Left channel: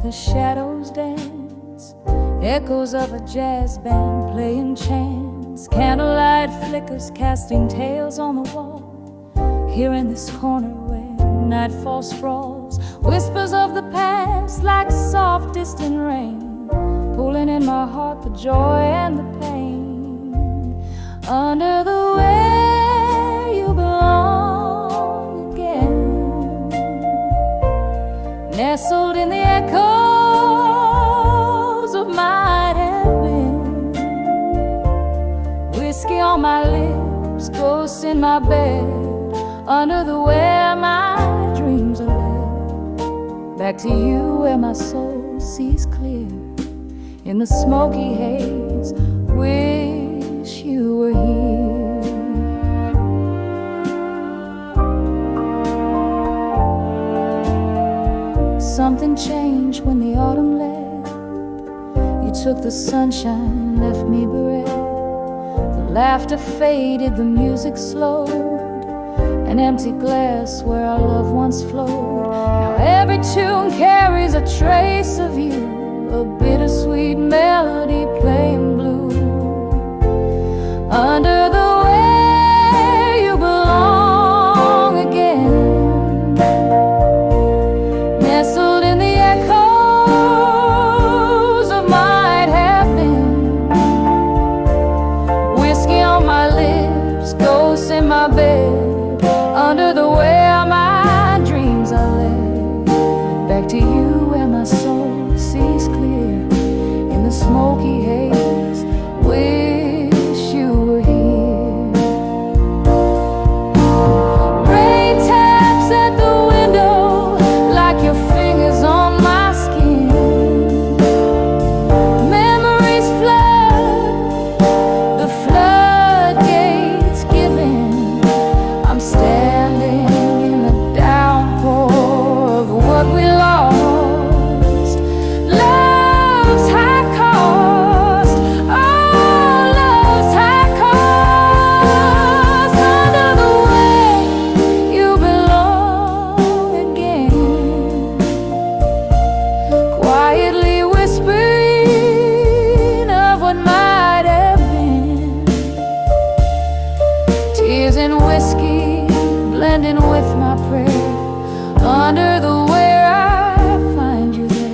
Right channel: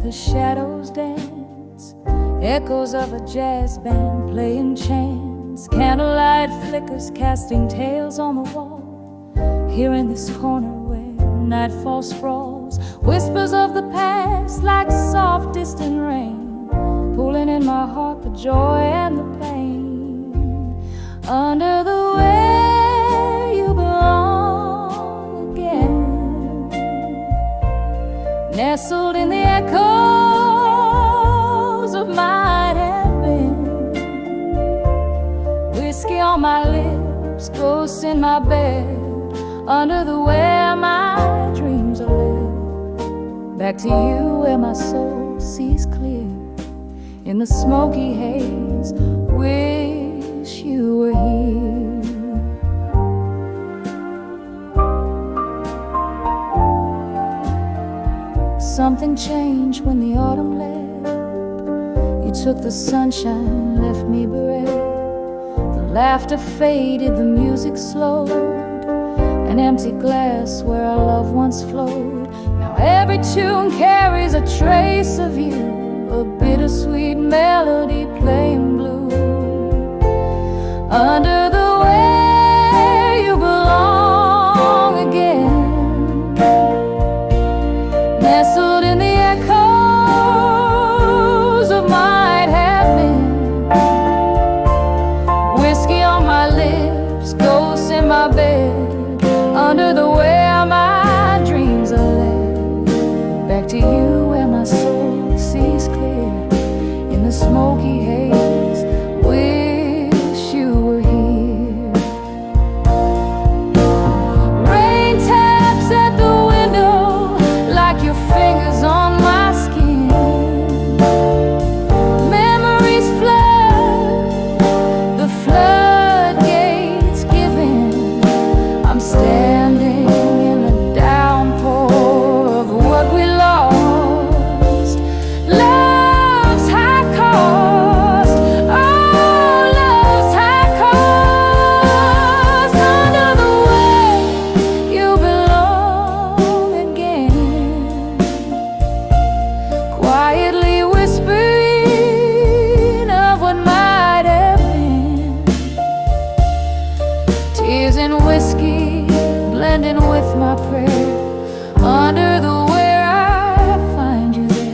where the shadows dance, echoes of a jazz band playing chants, candlelight flickers casting tales on the wall. Here in this corner where nightfall sprawls, whispers of the past like soft distant rain, pulling in my heart the joy and the pain. Under the way you belong again, nestled in the echoes of might have been, whiskey on my lips, ghosts in my bed, under the where my dreams are led. Back to you where my soul sees clear, in the smoky haze, wish you were here. Something changed when the autumn left. You took the sunshine, left me bereft. The laughter faded, the music slowed, an empty glass where our love once flowed. Now every tune carries a trace of you, a bittersweet melody playing blue. Under the where you belong again, nestled in the echoes of might have been, whiskey on my lips, ghosts in my bed, under the where my dreams are led. Back to you where my soul sees clear, in the smoky haze, wish you were here. Rain taps at the window like your fingers on my skin. Memories flood, the floodgates give in. I'm standing in the downpour of what we lost, love's high cost, oh, love's high cost. Under the way you belong again, quietly whispering of what might have been. Tears and whiskey blending with my prayer, under the where I find you there.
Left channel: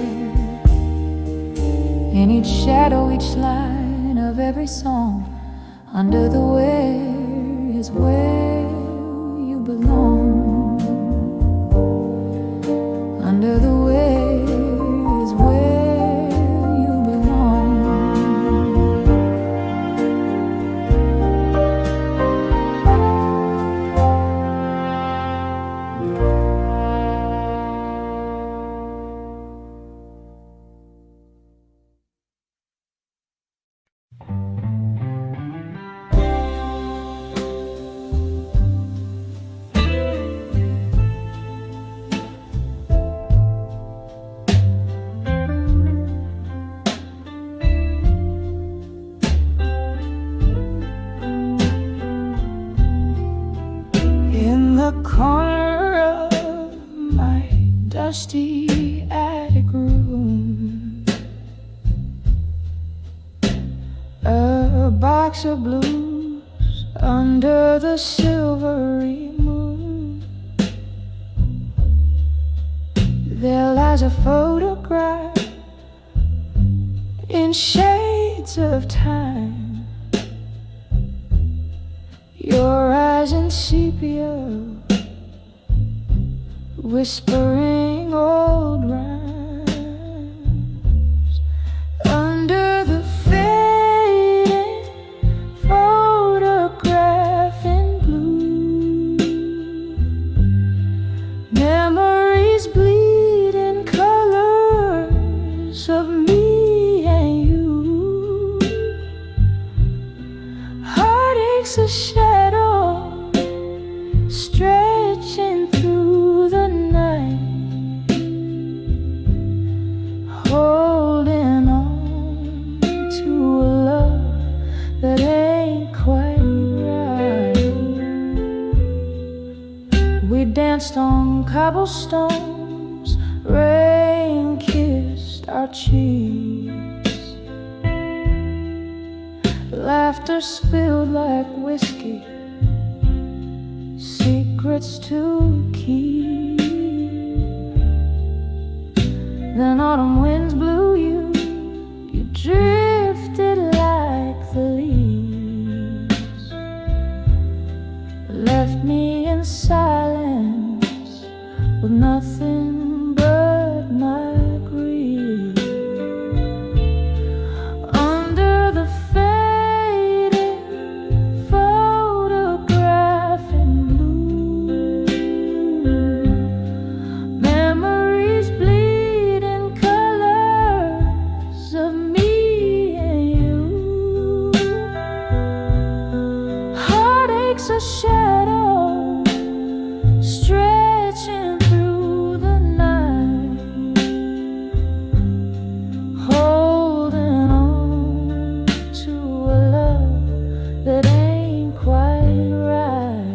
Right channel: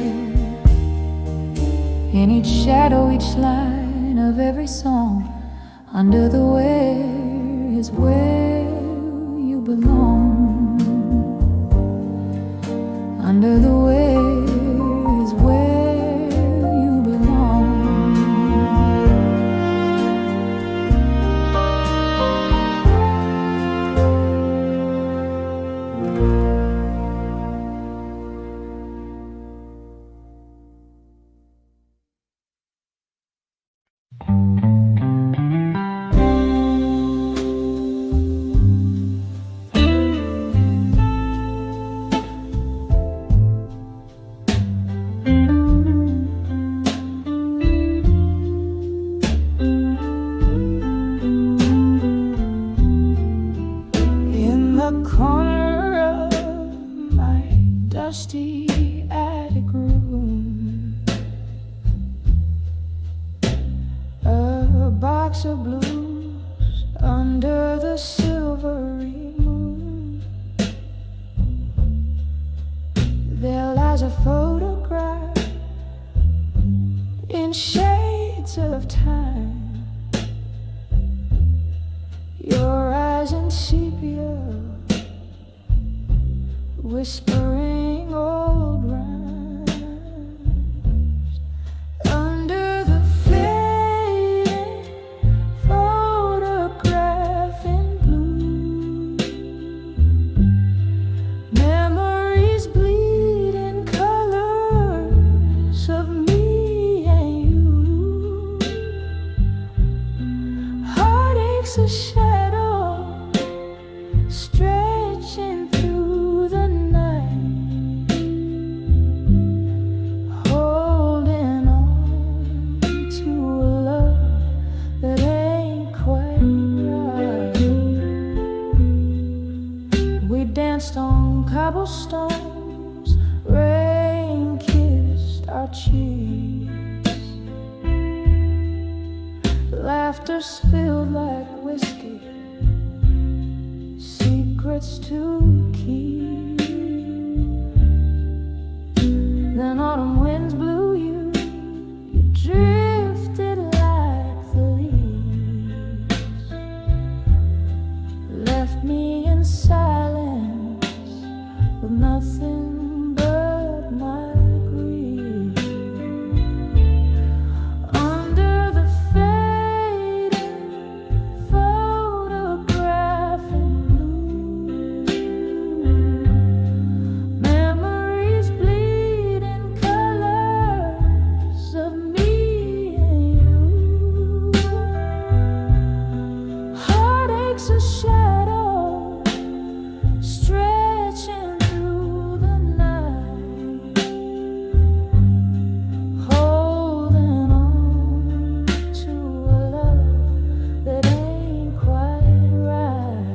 In each shadow, each line of every song, under the where is where you belong. Under the where is where you belong. In the corner of my dusty attic room, a box of blues under the silvery moon. There lies a photograph in shades of time, your eyes in sepia, whispering old rhymes. Under the fading photograph in blue, memories bleed in colors of me and you. Heartaches a shadow stretching through the night, holding on to a love that ain't quite right. We danced on cobblestones, rain-kissed our cheeks. Laughter spilled like whiskey, secrets to keep. Then autumn winds blew you, you drifted like the leaves. Left me in silence with nothing but my grief. Under the fading photograph in blue, memories bleed in colors of me and you. Heartaches a shadow stretching through the night, holding on to a love that ain't quite right.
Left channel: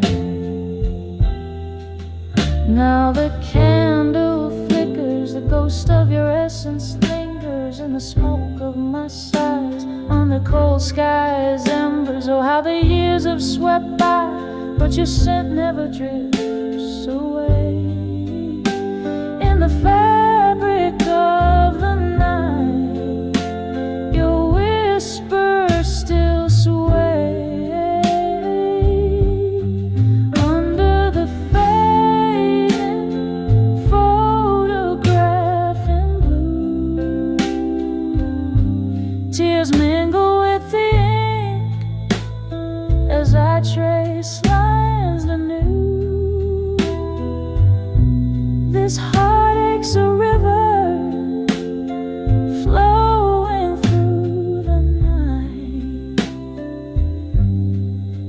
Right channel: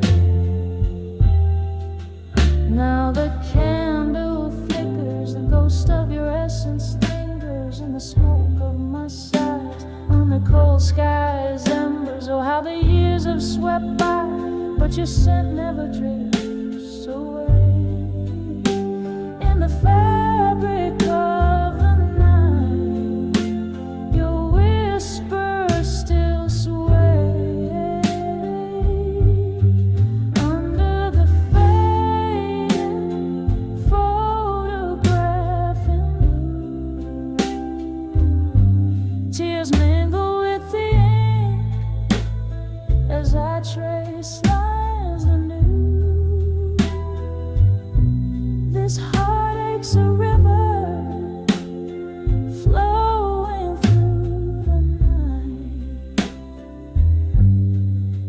Now the candle flickers, the ghost of your essence lingers in the smoke of my sighs. On the cold skies, embers, oh how the years have swept by, but your scent never drifts away. In the fabric of the night, your whispers still sway. Under the fading photograph in blue, tears mingle with the ink as I trace lines anew. This heartache's a river flowing through the night,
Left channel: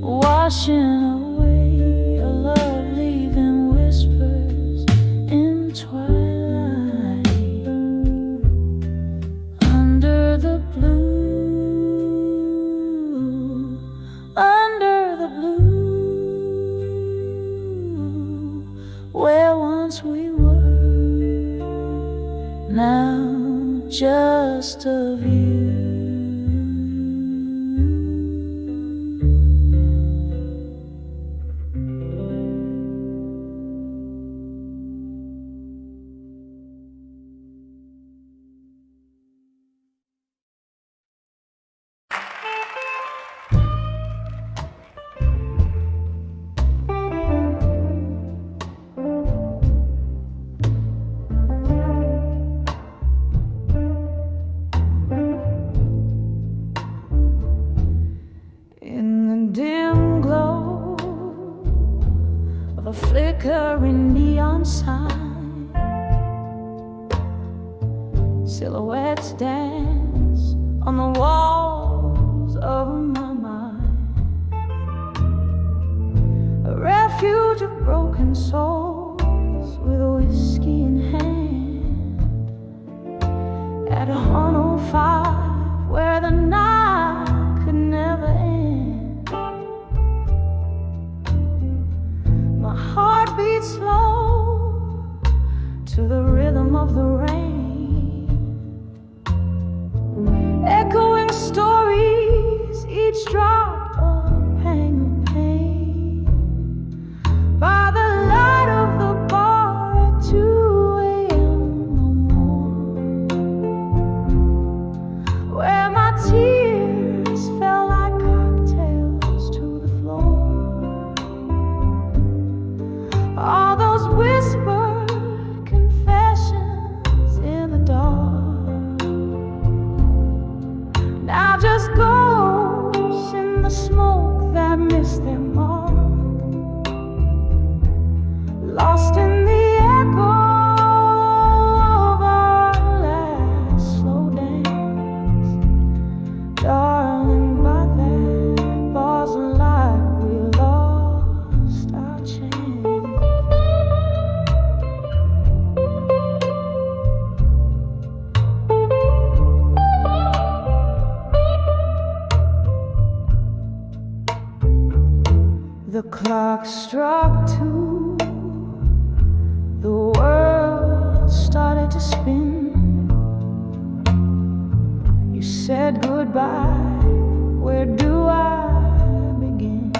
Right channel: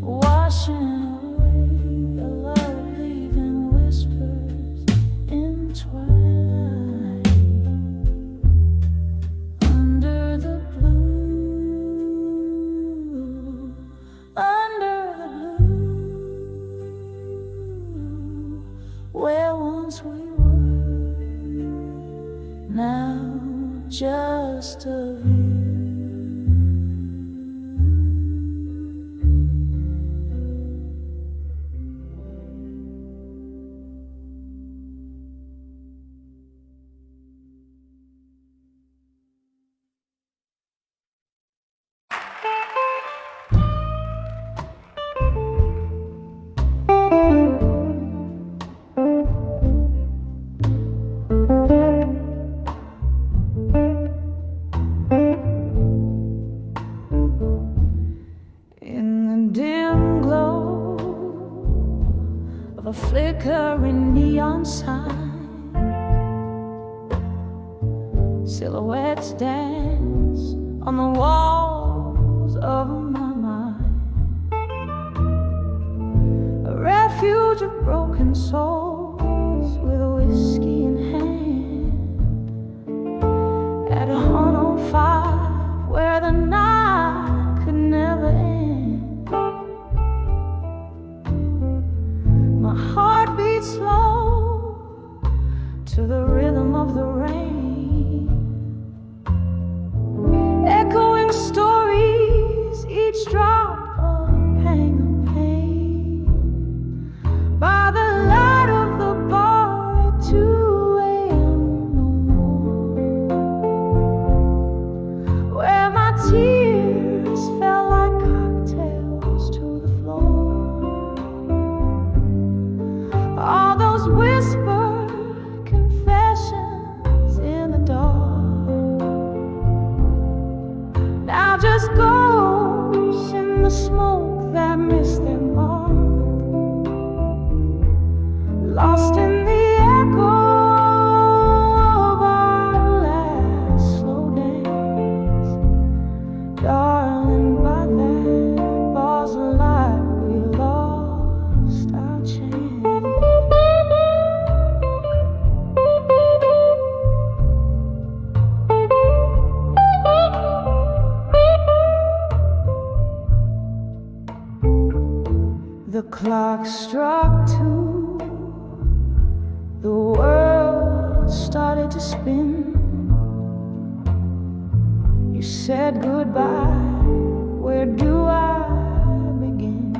washing away a love, leaving whispers in twilight. Under the blue, under the blue, where once we were, now just a view. A flickering neon sign, silhouettes dance on the walls of my mind. A refuge of broken souls with whiskey in hand, at 105 where the night could never end. My heart beats slow to the rhythm of the rain, echoing stories, each drop a pang of pain. By the light of the bar at 2 a.m. no more, where my tears fell like cocktails to the floor. All those whispered confessions in the dark, now just ghosts in the smoke that missed their mark, lost in the echo of our last slow dance. Darling, by that bar's light we lost our chance. The clock struck 2, the world started to spin. said goodbye, where do I begin?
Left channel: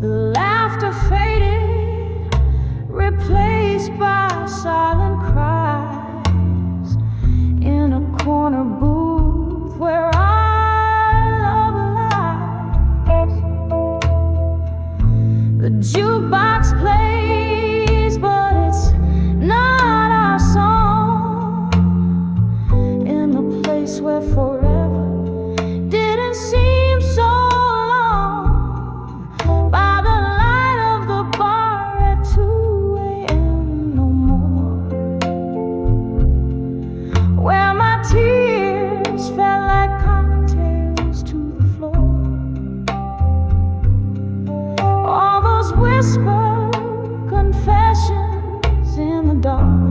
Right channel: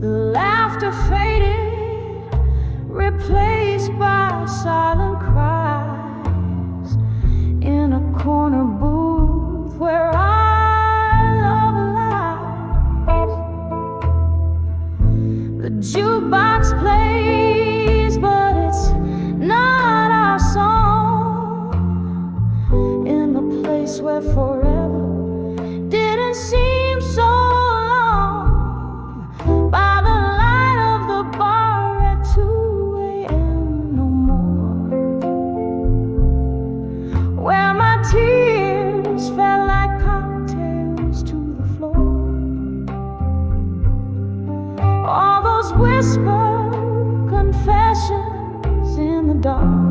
The laughter faded, replaced by silent cries in a corner booth where our love lies. The jukebox plays, but it's not our song, in the place where forever didn't seem so long, by the light of the bar at 2 a.m. no more, where my tears fell like cocktails to the floor. All those whispered confessions in the dark,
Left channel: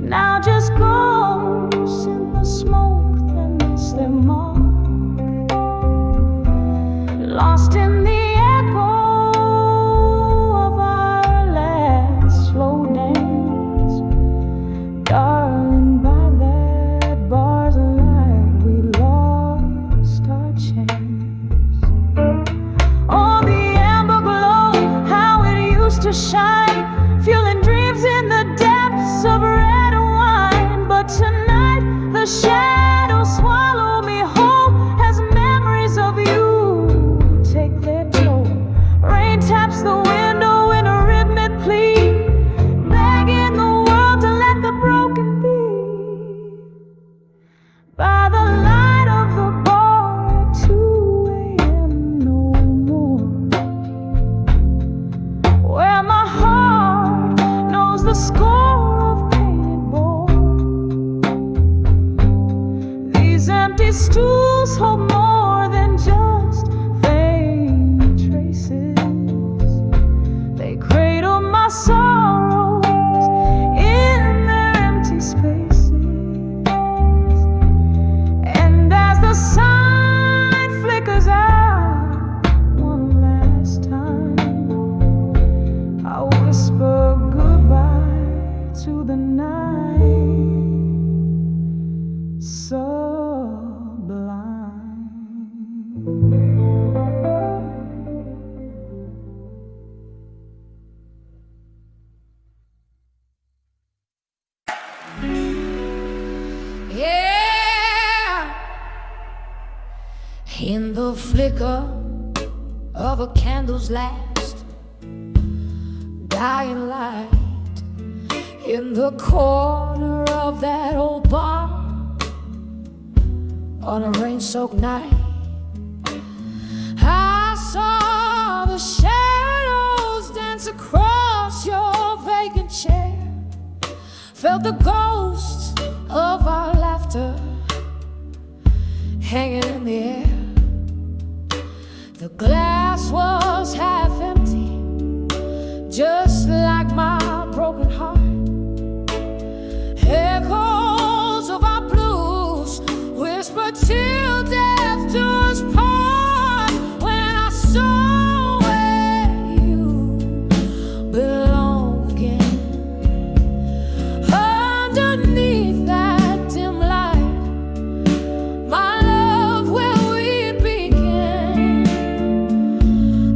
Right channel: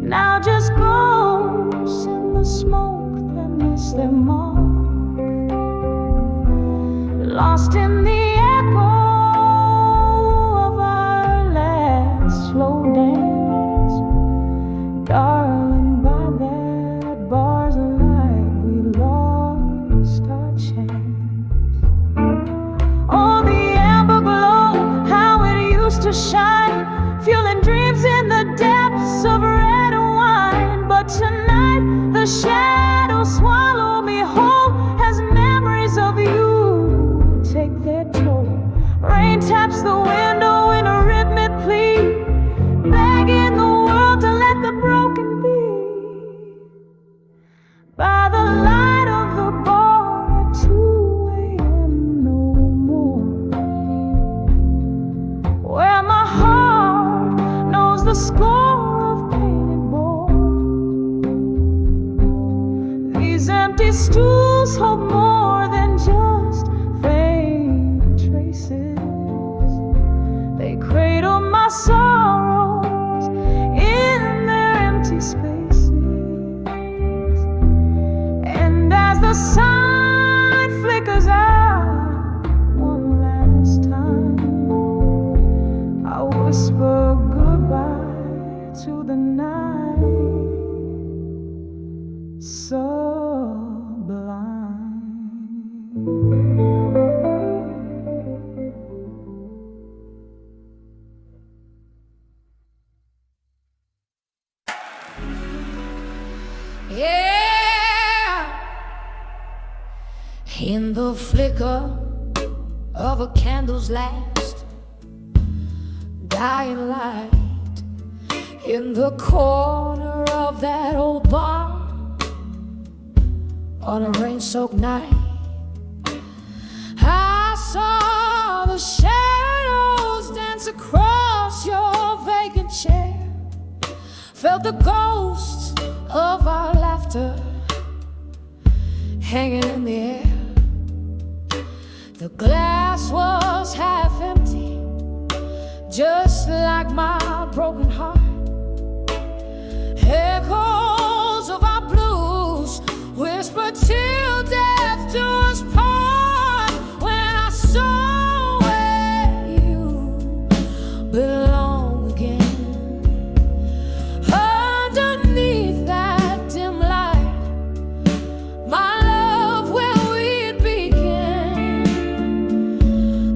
now just ghosts in the smoke that miss their mark, lost in the echo of our last slow dance. Darling, by that bar's light we lost our chance. Oh, the amber glow, how it used to shine, fueling dreams in the depths of red wine. But tonight the shadows swallow me whole as memories of you take their toll. Rain taps the window in a rhythmic plea, begging the world to let the broken be. By the light of the bar at 2 a.m. no more, where my heart knows the score of pain it bore. These empty stools hold more than just faint traces. They cradle my sorrows in their empty spaces. And as the sun flickers out one last time, I whisper goodbye to the night sublime. Yeah, in the flicker of a candle's last dying light, in the corner of that old bar on a rain-soaked night, I saw the shadows dance across your vacant chair, felt the ghosts of our laughter hanging in the air. The glass was half empty, just like my broken heart. Echoes of our blues whisper till death do us part. When I saw where you belong again, underneath that dim light, my love, where we'd begin.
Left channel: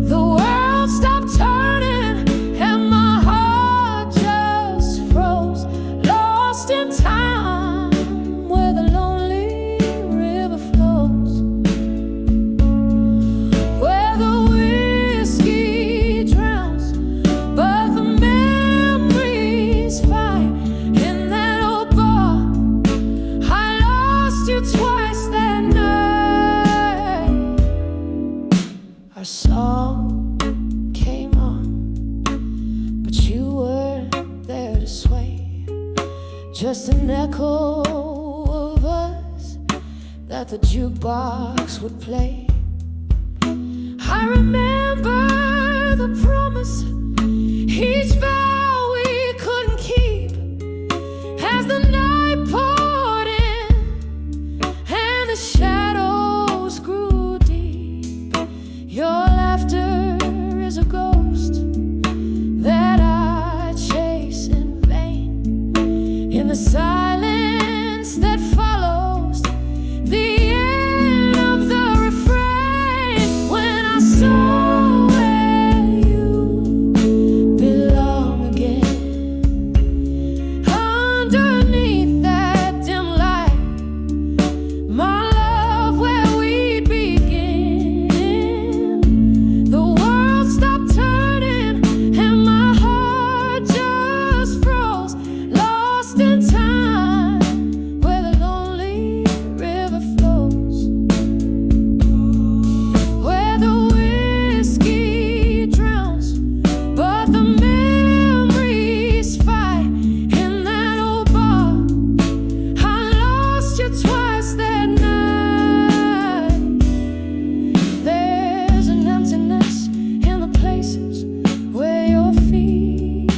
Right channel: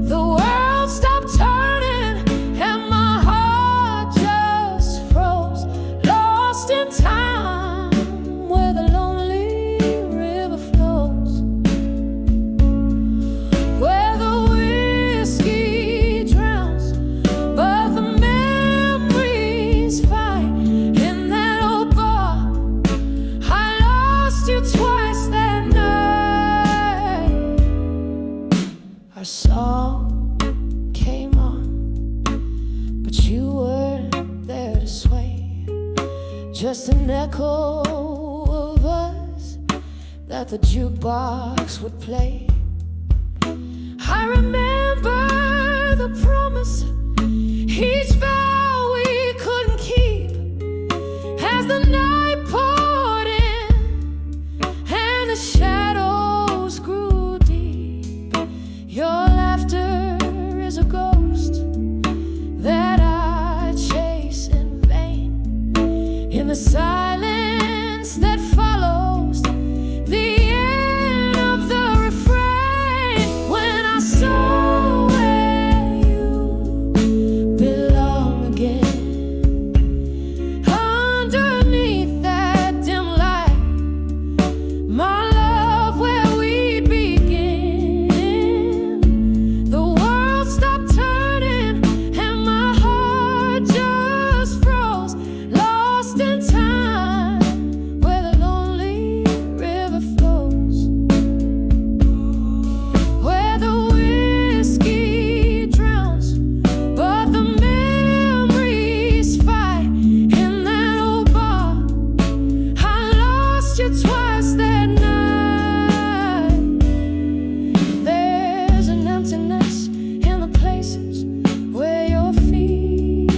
The world stopped turning and my heart just froze, lost in time where the lonely river flows, where the whiskey drowns but the memories fight. In that old bar I lost you twice that night. Our song came on, but you weren't there to sway, just an echo of us that the jukebox would play. I remember the promise, each vow we couldn't keep, as the night poured in and the shadows grew deep. Your laughter is a ghost that I chase in vain, silence that follows the end of the refrain. When I saw where you belong again, underneath that dim light, my love, where we'd begin. The world stopped turning and my heart just froze, lost in time where the lonely river flows, where the whiskey drowns but the memories fight. In that old bar, I lost you twice that night. There's an emptiness in the places where your feet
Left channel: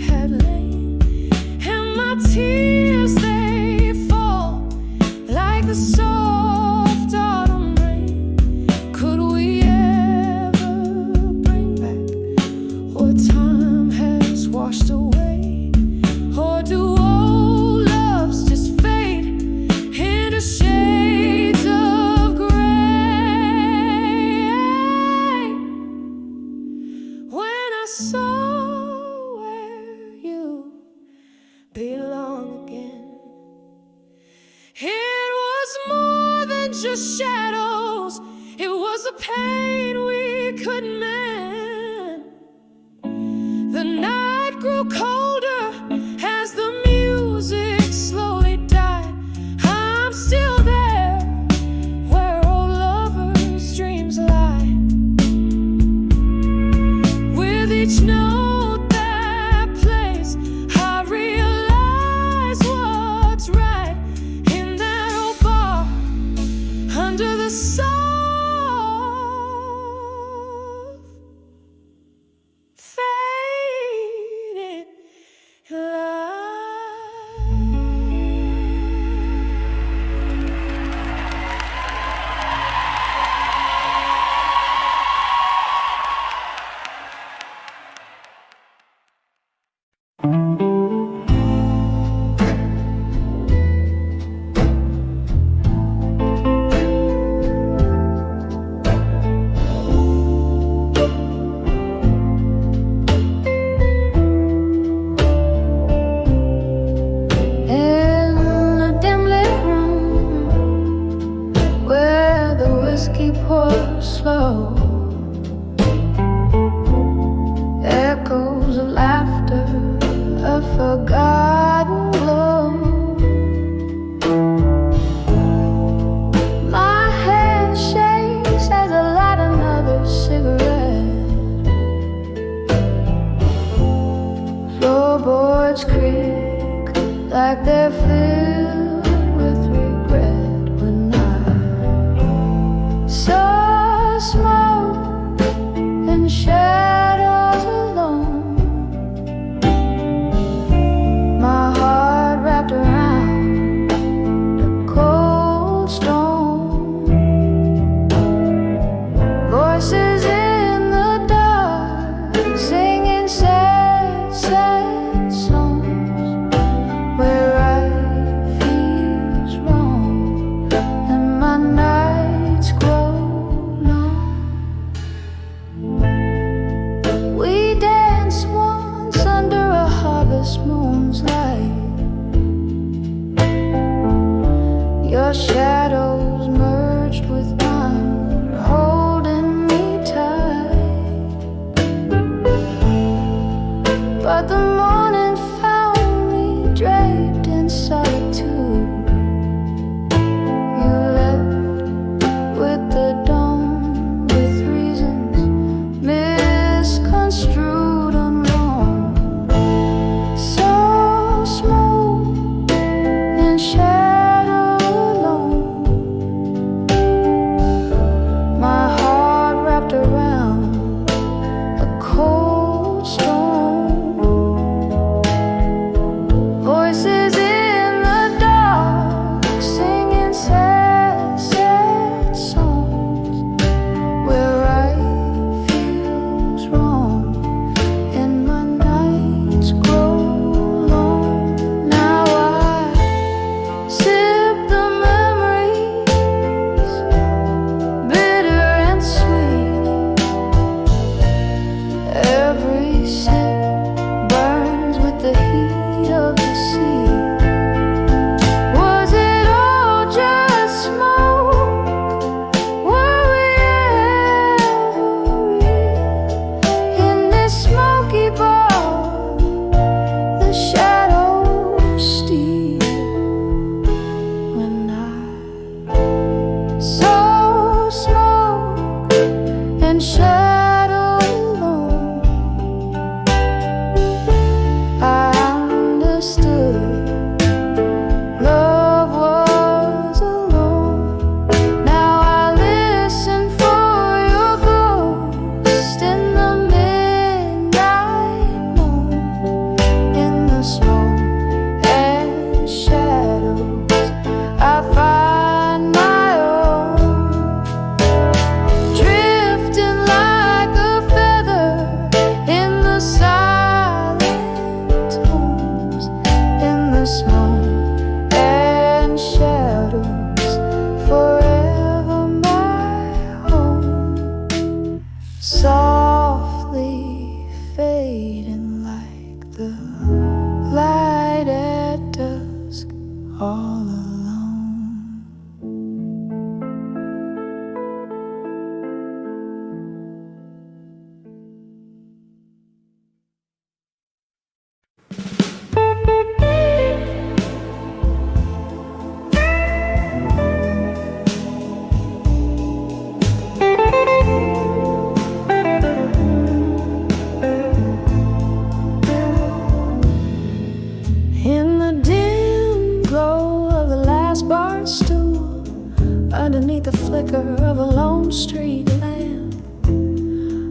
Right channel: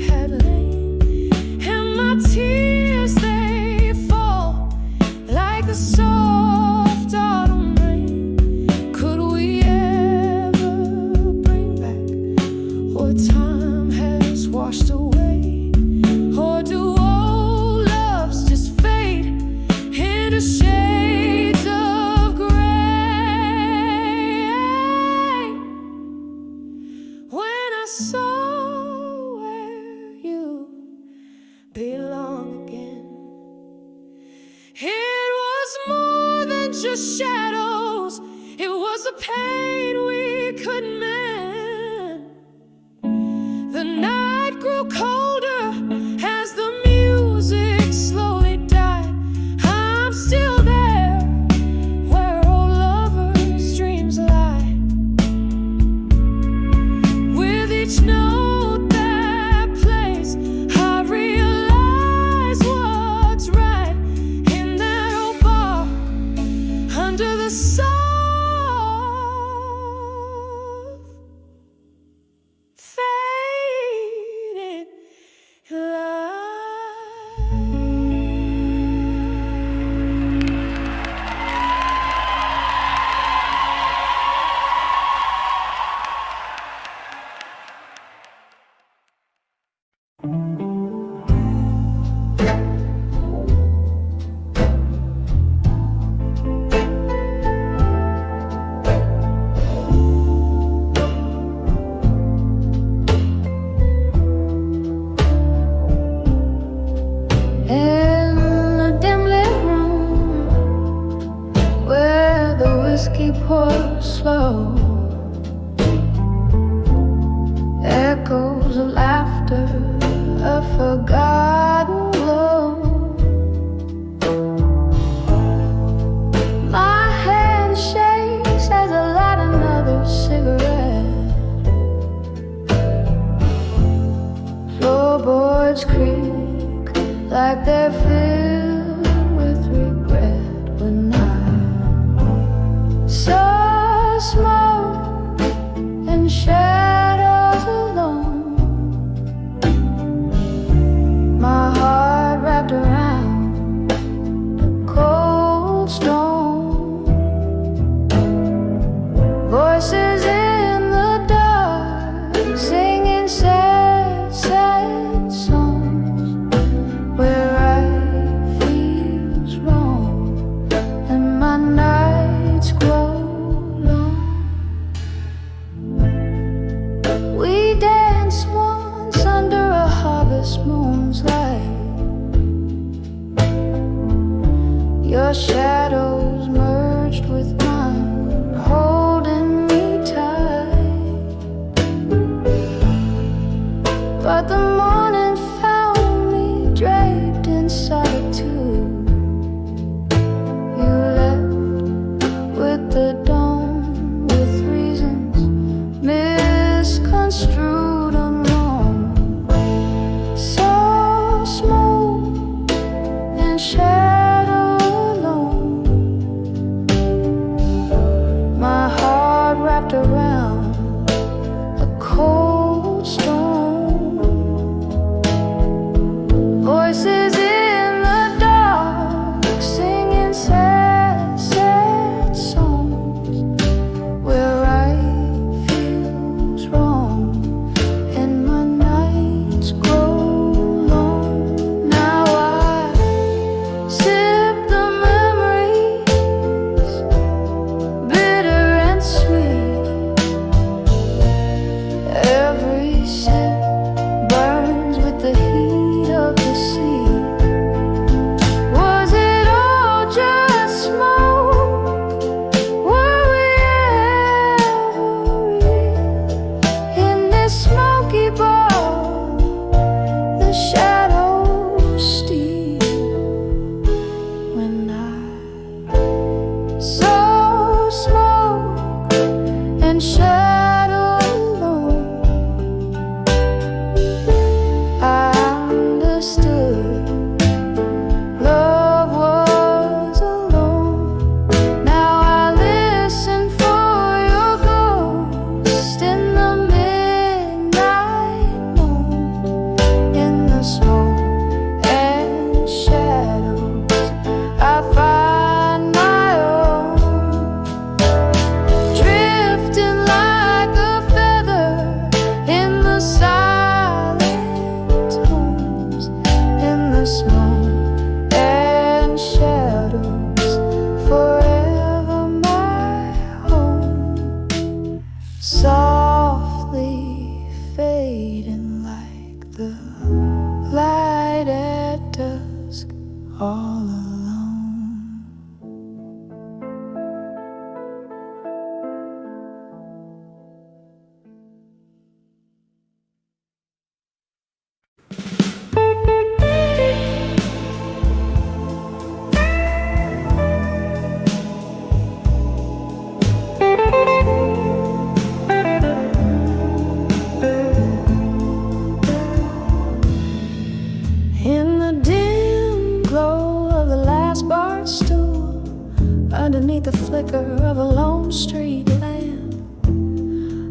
had lain, and my tears, they fall like the soft autumn rain. Could we ever bring back what time has washed away? Or do old loves just fade into shades of gray? When I saw where you belong again, it was more than just shadows, it was a pain we couldn't mend. The night grew colder as the music slowly died. I'm still there where old lovers' dreams lie. With each note that plays, I realize what's right. In that old bar, under the soft faded light. In a dim lit room where the whiskey pours slow, echoes of laughter, a forgotten glow. My hand shakes as I light another cigarette. Floorboards creak like they're filled with regret. When I saw smoke and shadows alone, my heart wrapped around the cold stone. Voices in the dark singing sad, sad songs, where right feels wrong and my nights grow long. We danced once under a harvest moon's light. Your shadows merged with mine, holding me tight. But the morning found me draped in solitude. You left with the dawn, with reasons misconstrued and wrong. So smoke and shadow alone, my heart wrapped around a cold stone. Voices in the dark singing sad, sad songs, where right feels wrong and my nights grow long. Now I with the heat of the sea. Was it all just smoke? Were we ever real in this smoky bar? The shadows steal when I saw smoke and shadow alone. I understood love was alone. Now I listen for your ghost in the midnight moon, in the smoke and shadows. I find my own, drifting like a feather in the silent tones, in the smoke and shadows, forever my home, softly fading like the light at dusk, all alone. In the dim glow of the last bar stool, underneath the flicker of a lone street lamp,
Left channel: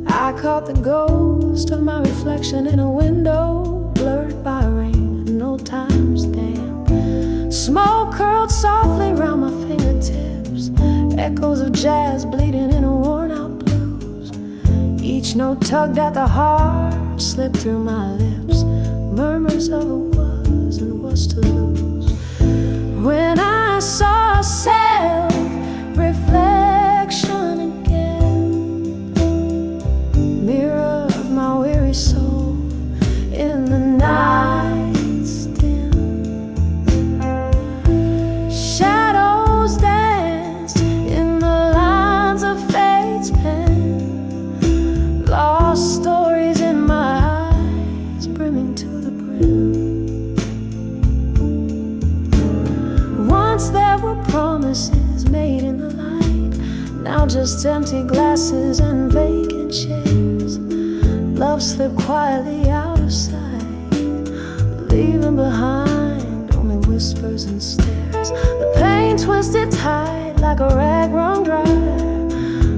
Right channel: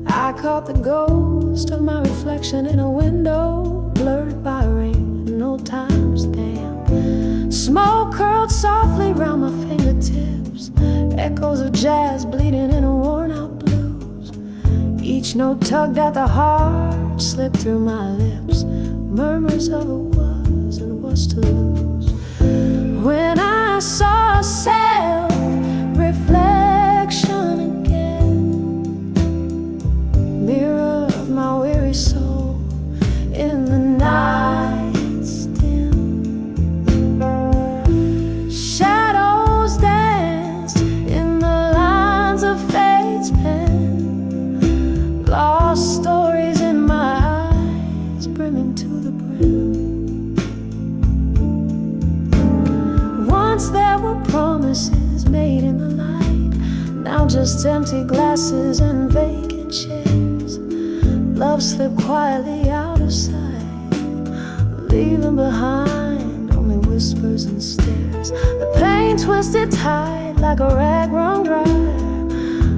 I caught the ghost of my reflection in a window blurred by rain and old time's damp. Smoke curled softly round my fingertips, echoes of jazz bleeding in a worn-out blues. Each note tugged at the heart, slipped through my lips, murmurs of a was and was to lose. When I saw self-reflection again, mirror of my weary soul in the night's dim, shadows danced in the lines of fate's pen, lost stories in my eyes brimming to the brim. Once there were promises made in the light, now just empty glasses and vacant chairs. Love slipped quietly out of sight, leaving behind only whispers and stares. The pain twisted tight like a rag wrung dry,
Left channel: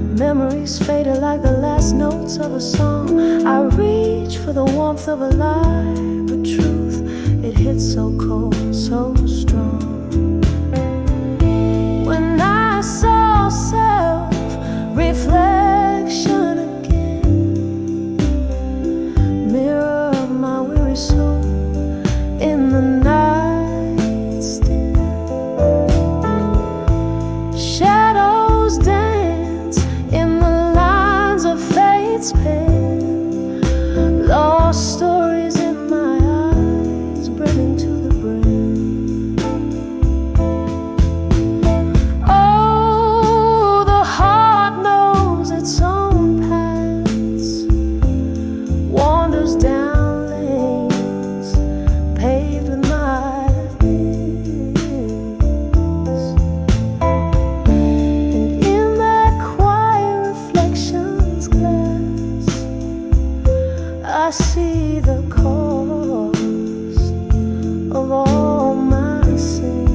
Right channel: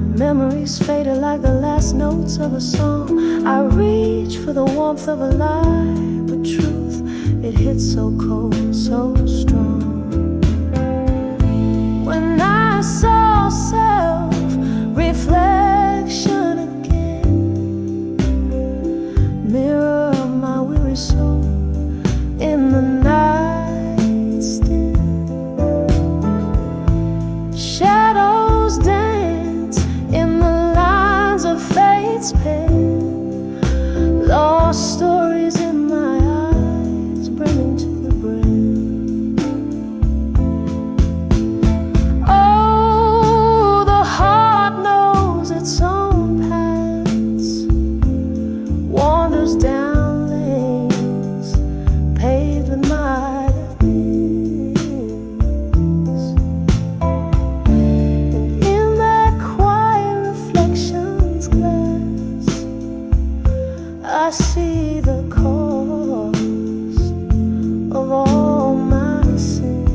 memories faded like the last notes of a song. I reach for the warmth of a lie, but truth, it hits so cold, so strong. When I saw self-reflection again, mirror of my weary soul in the night's dim, shadows dance in the lines of fate's pen, lost stories in my eyes brimming to the brim. Its own paths, wanders down lanes paved with might have beens, and in that quiet reflection's glass, I see the cost of all my sins.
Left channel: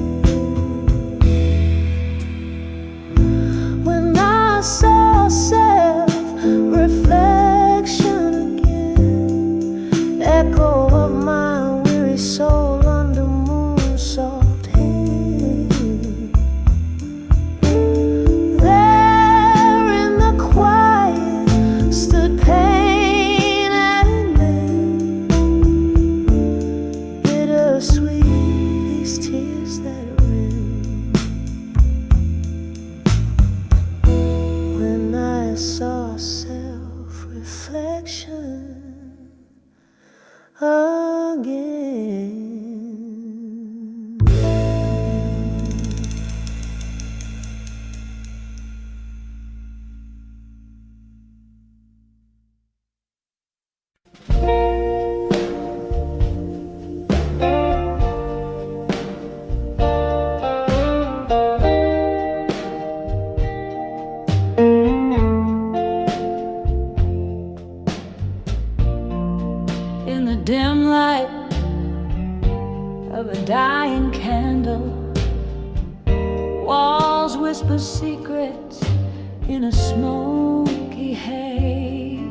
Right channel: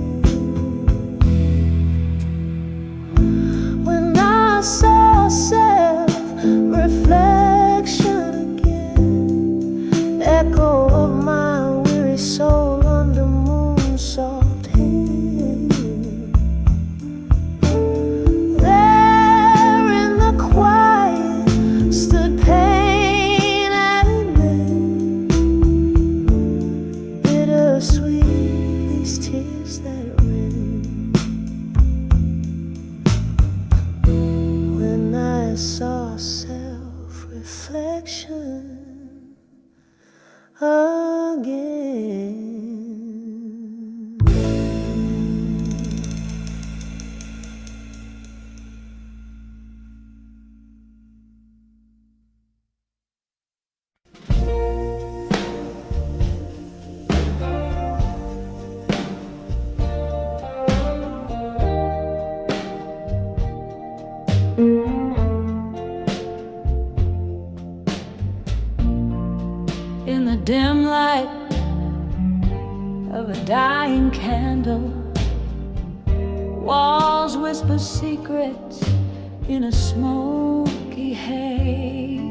When I saw self-reflection again, echo of my weary soul under moon's soft hand, there in the quiet stood pain and men, bittersweet these tears that rin. When I saw self-reflection again. In the dim light of a dying candle, walls whisper secrets in a smoky haze.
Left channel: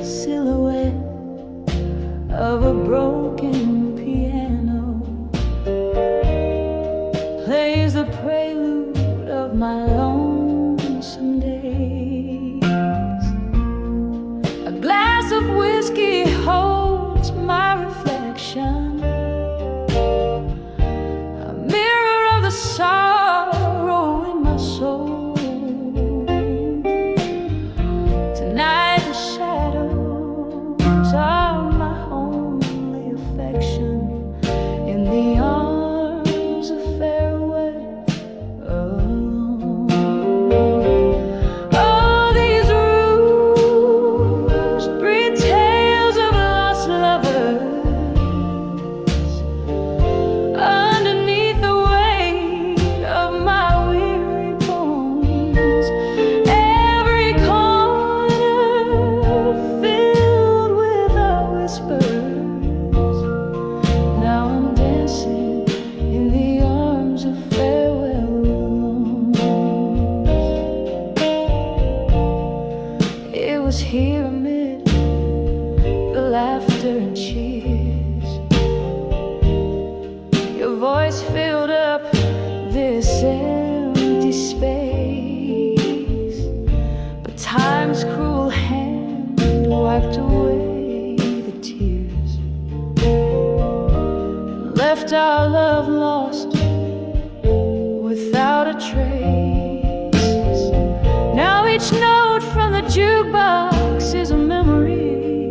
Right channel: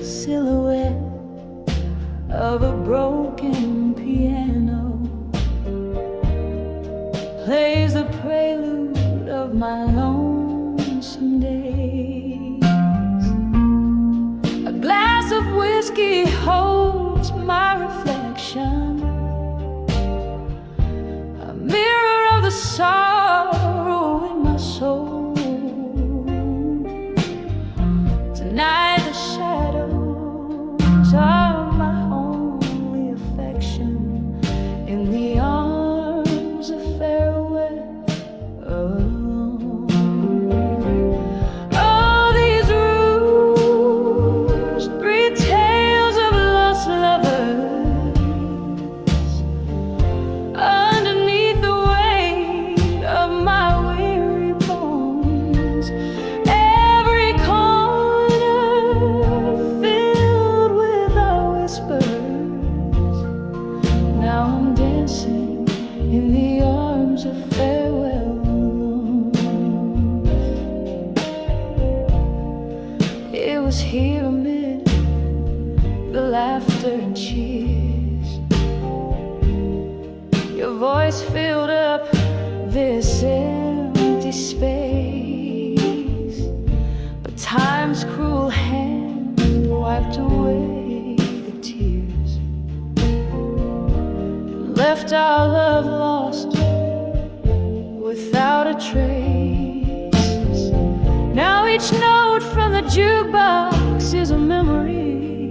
Silhouette of a broken piano plays the prelude of my lonesome days. A glass of whiskey holds my reflection, a mirror of the sorrow in my soul. Tonight the shadows are my only affection in the arms of farewell alone. Now I'm dancing in the arms of farewell alone. It was here amid the laughter and cheers, your voice filled up this empty space, but time's cruel hand wiped away the tears, left our love lost without a trace. Now each note from the jukebox is a memory,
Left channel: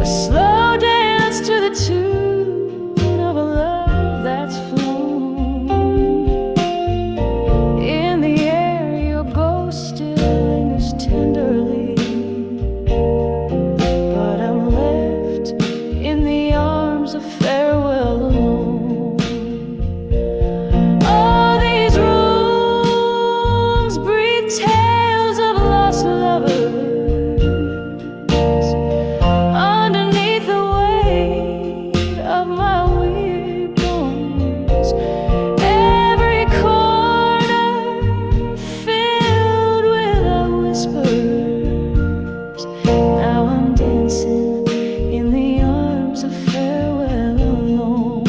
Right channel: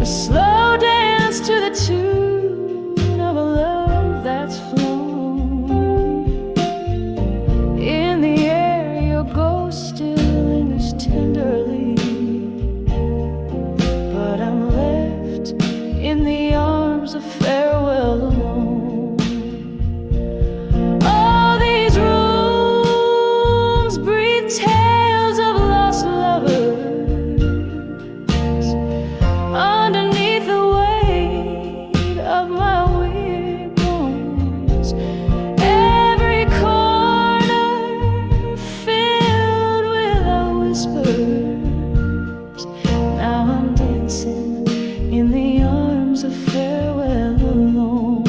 a slow dance to the tune of a love that's flown. In the air your ghost still lingers tenderly, but I'm left in the arms of farewell alone. All these rooms breathe tales of lost lovers. Underneath the weight of my weird bones, every corner filled with our whispers. Now I'm dancing in the arms of farewell alone.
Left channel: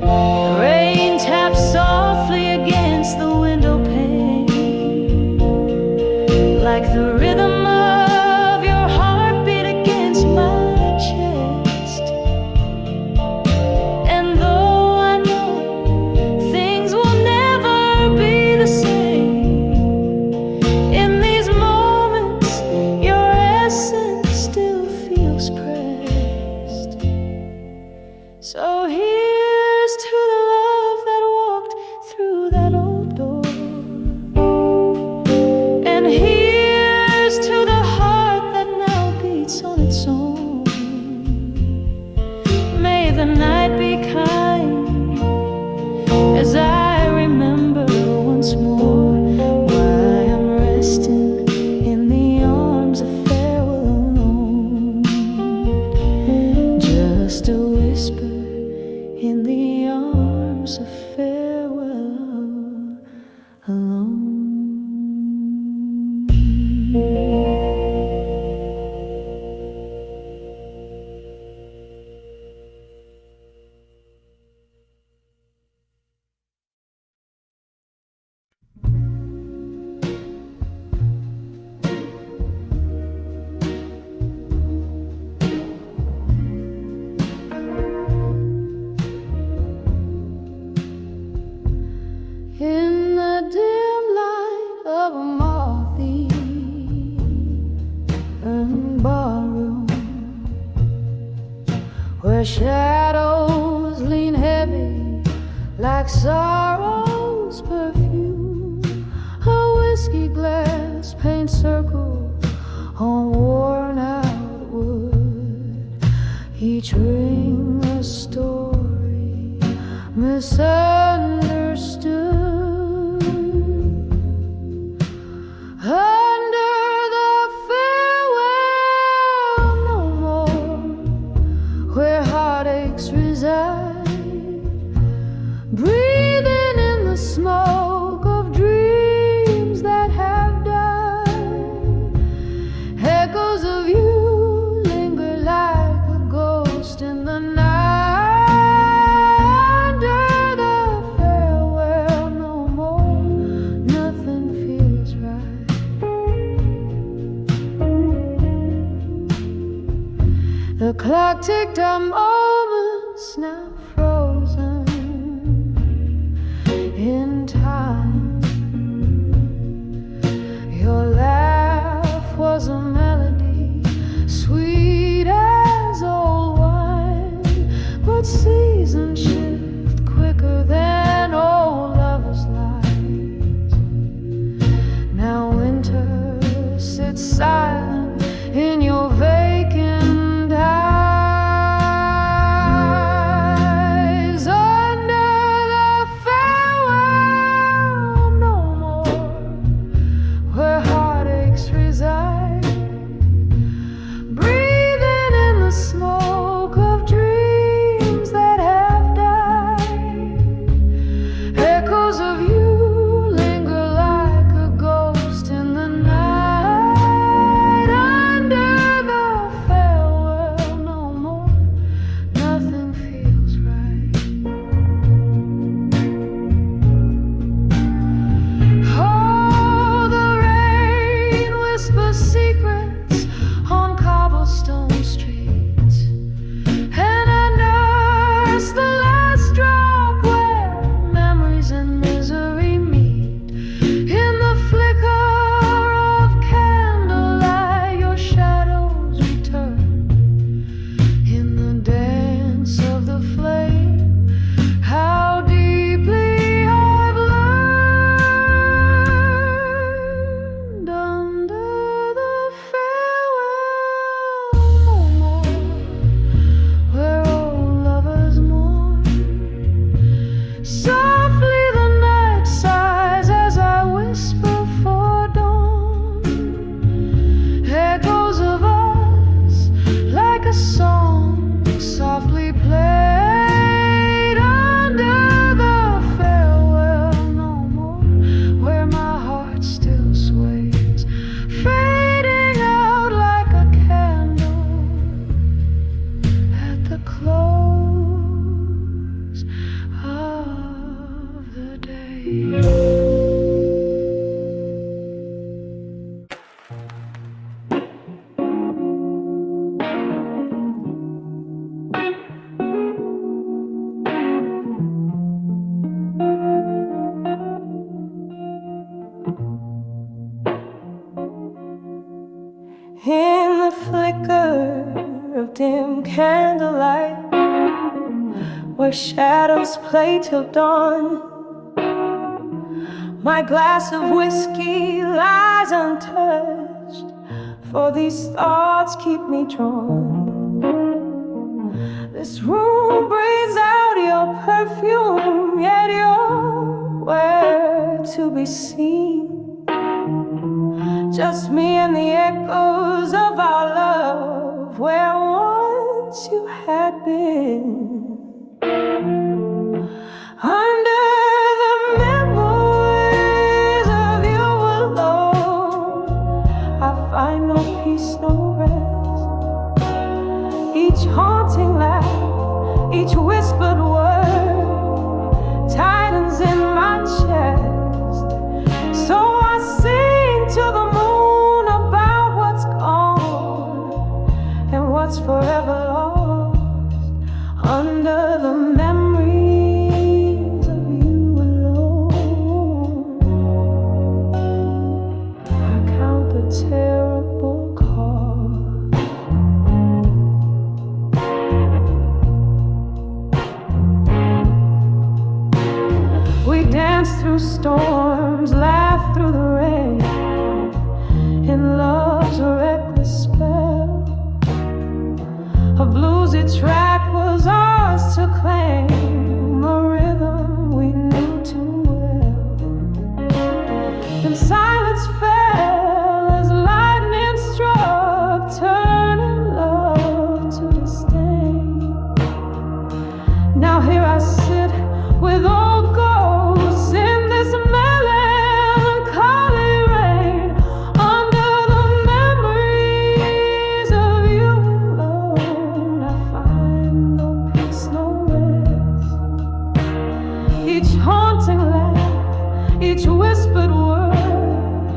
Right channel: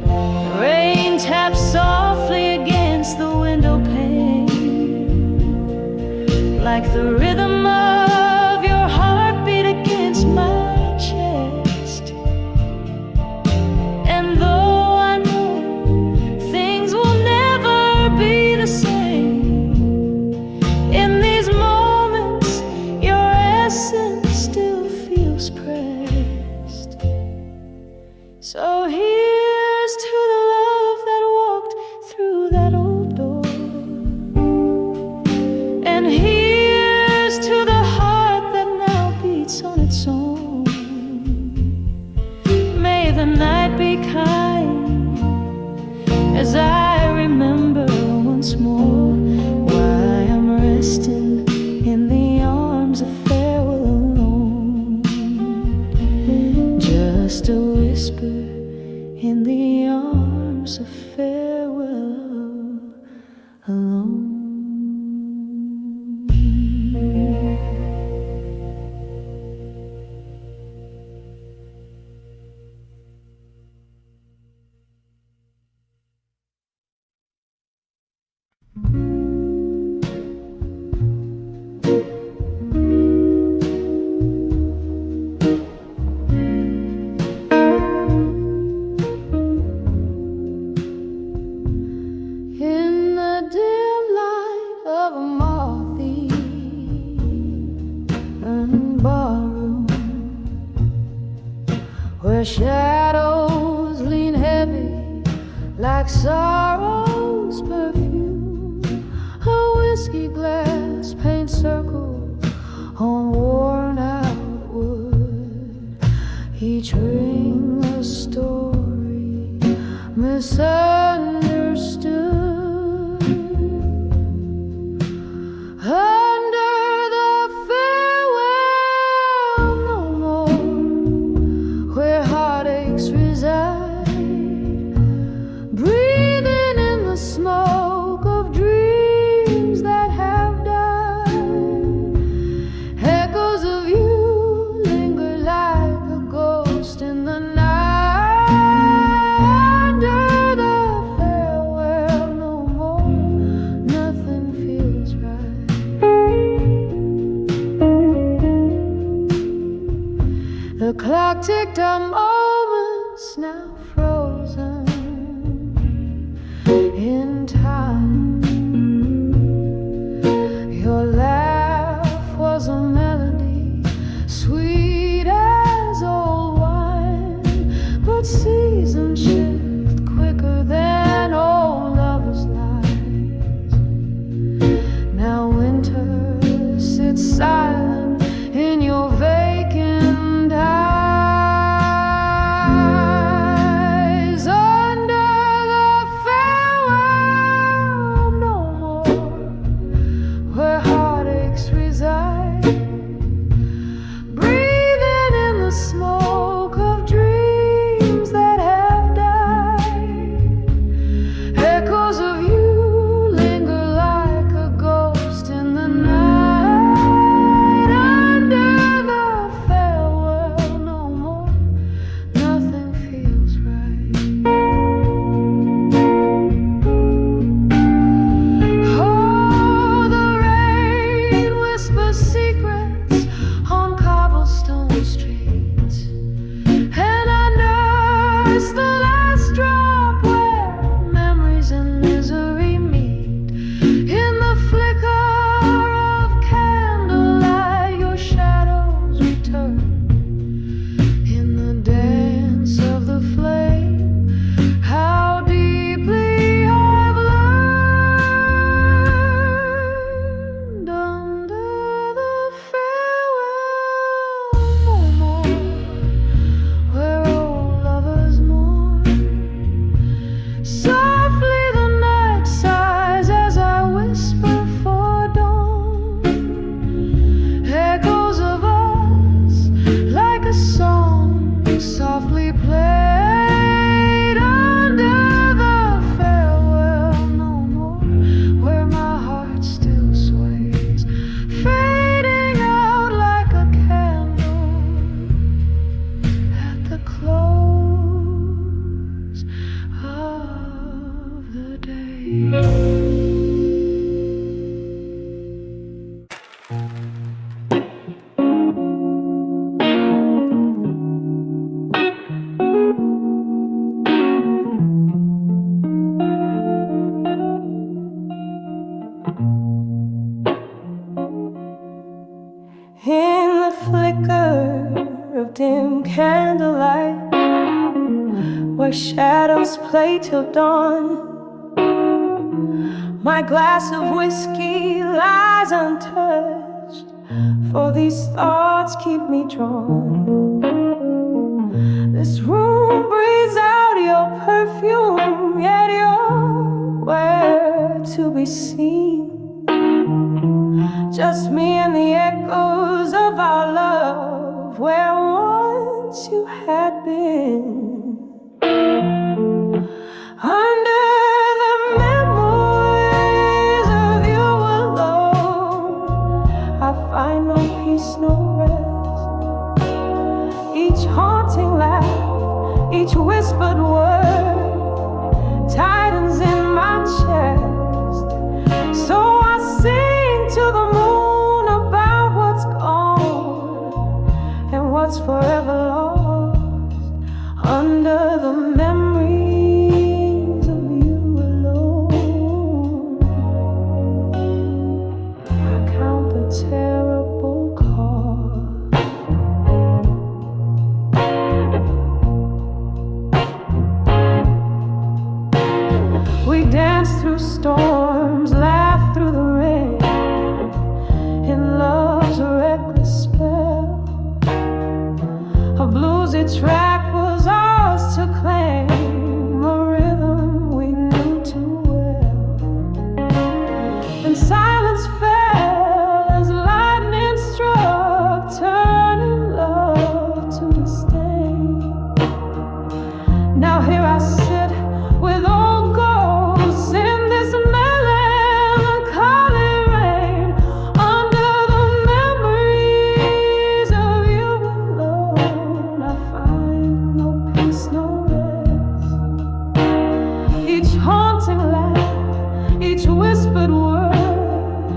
The rain taps softly against the window pane, like the rhythm of your heartbeat against my chest. And though I know things will never be the same, in these moments your essence still feels pressed. So here's to the love that walked through that old door, and here's to the heart that now beats on its own. May the night be kind as I remember once more why I'm resting in the arms of farewell alone. Just a whisper in the arms of farewell alone. open barroom where shadows lean heavy like sorrow's perfume. A whiskey glass paints circles on worn out wood, each ring a story misunderstood. Under the farewell no more, where heartaches reside, breathing in the smoke of dreams that have died. Echoes of you linger like a ghost in the night. Under the farewell no more, nothing feels right. The clock ticked our moments now frozen in time. Your laugh was a melody sweet as old wine, but seasons shift quicker than old lovers' lives. Now winter sits silent in your vacant eyes. Under the farewell no more, where heartaches reside, breathing in the smoke of dreams that have died. Echoes of you linger like a ghost in the night. Under the farewell no more, nothing feels right. Oh, the rain whispers secrets on cobblestone streets, and I nurse the last drop where memories and misery meet. In the flicker of candlelight your shadows return. In the dance of the flame, how deeply I've learned. Under the farewell no more, where old lovers mourn. Softly the night sighs as I whisper for dawn. Echoes of us like a song softly played. Under the farewell no more, where my heart still sways, fading out like a candle at the close of the day. In the flicker of dim candlelight, where shadows play till dawn, my glass of whiskey lies untouched, for these thoughts keep me drawn. This room breathes out your perfume, yet you're where to be seen. Just me and the echoes of our love, where once you had been. Under the memories of you alone, I find no peace, no rest. Each haunting laugh, each whispered word tightens in my chest. So I sing to the moon about what's gone and what's forever lost. Under the memories of you alone, I count the terrible cost. dance through storms, laugh through the rain, in love's reckless spell. A bluesy track was ours to claim, a rhythm we knew too well. Then silence fell as lightning struck, turning love to disdain. Now here I sit with old ghosts in this melancholy rain, under the memories of you alone. I find no peace, no rest. Each haunting laugh, each whispered word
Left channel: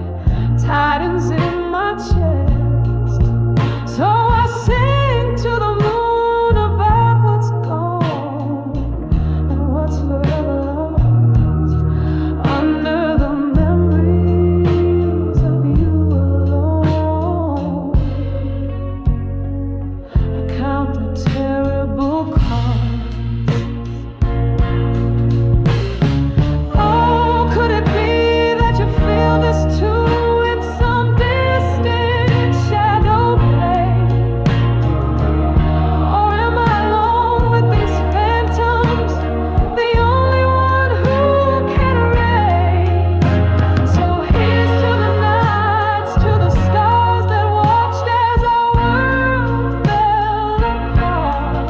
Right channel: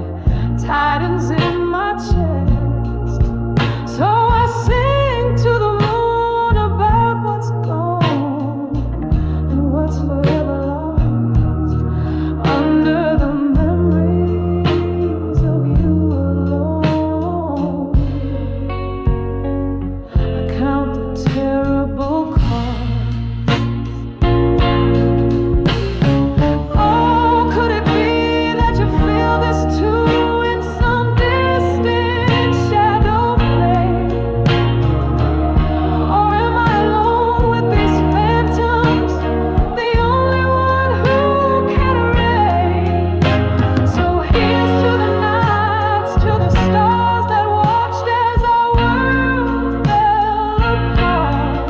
tightens in my chest. So I sing to the moon about what's gone and what's forever lost, under the memories of you alone. I count the terrible cost. Oh, could it be that you feel this too, in some distant shadow play? Or am I alone with these phantoms, the only one who can erase? So here's to the nights, to the stars that watched as our world fell apart.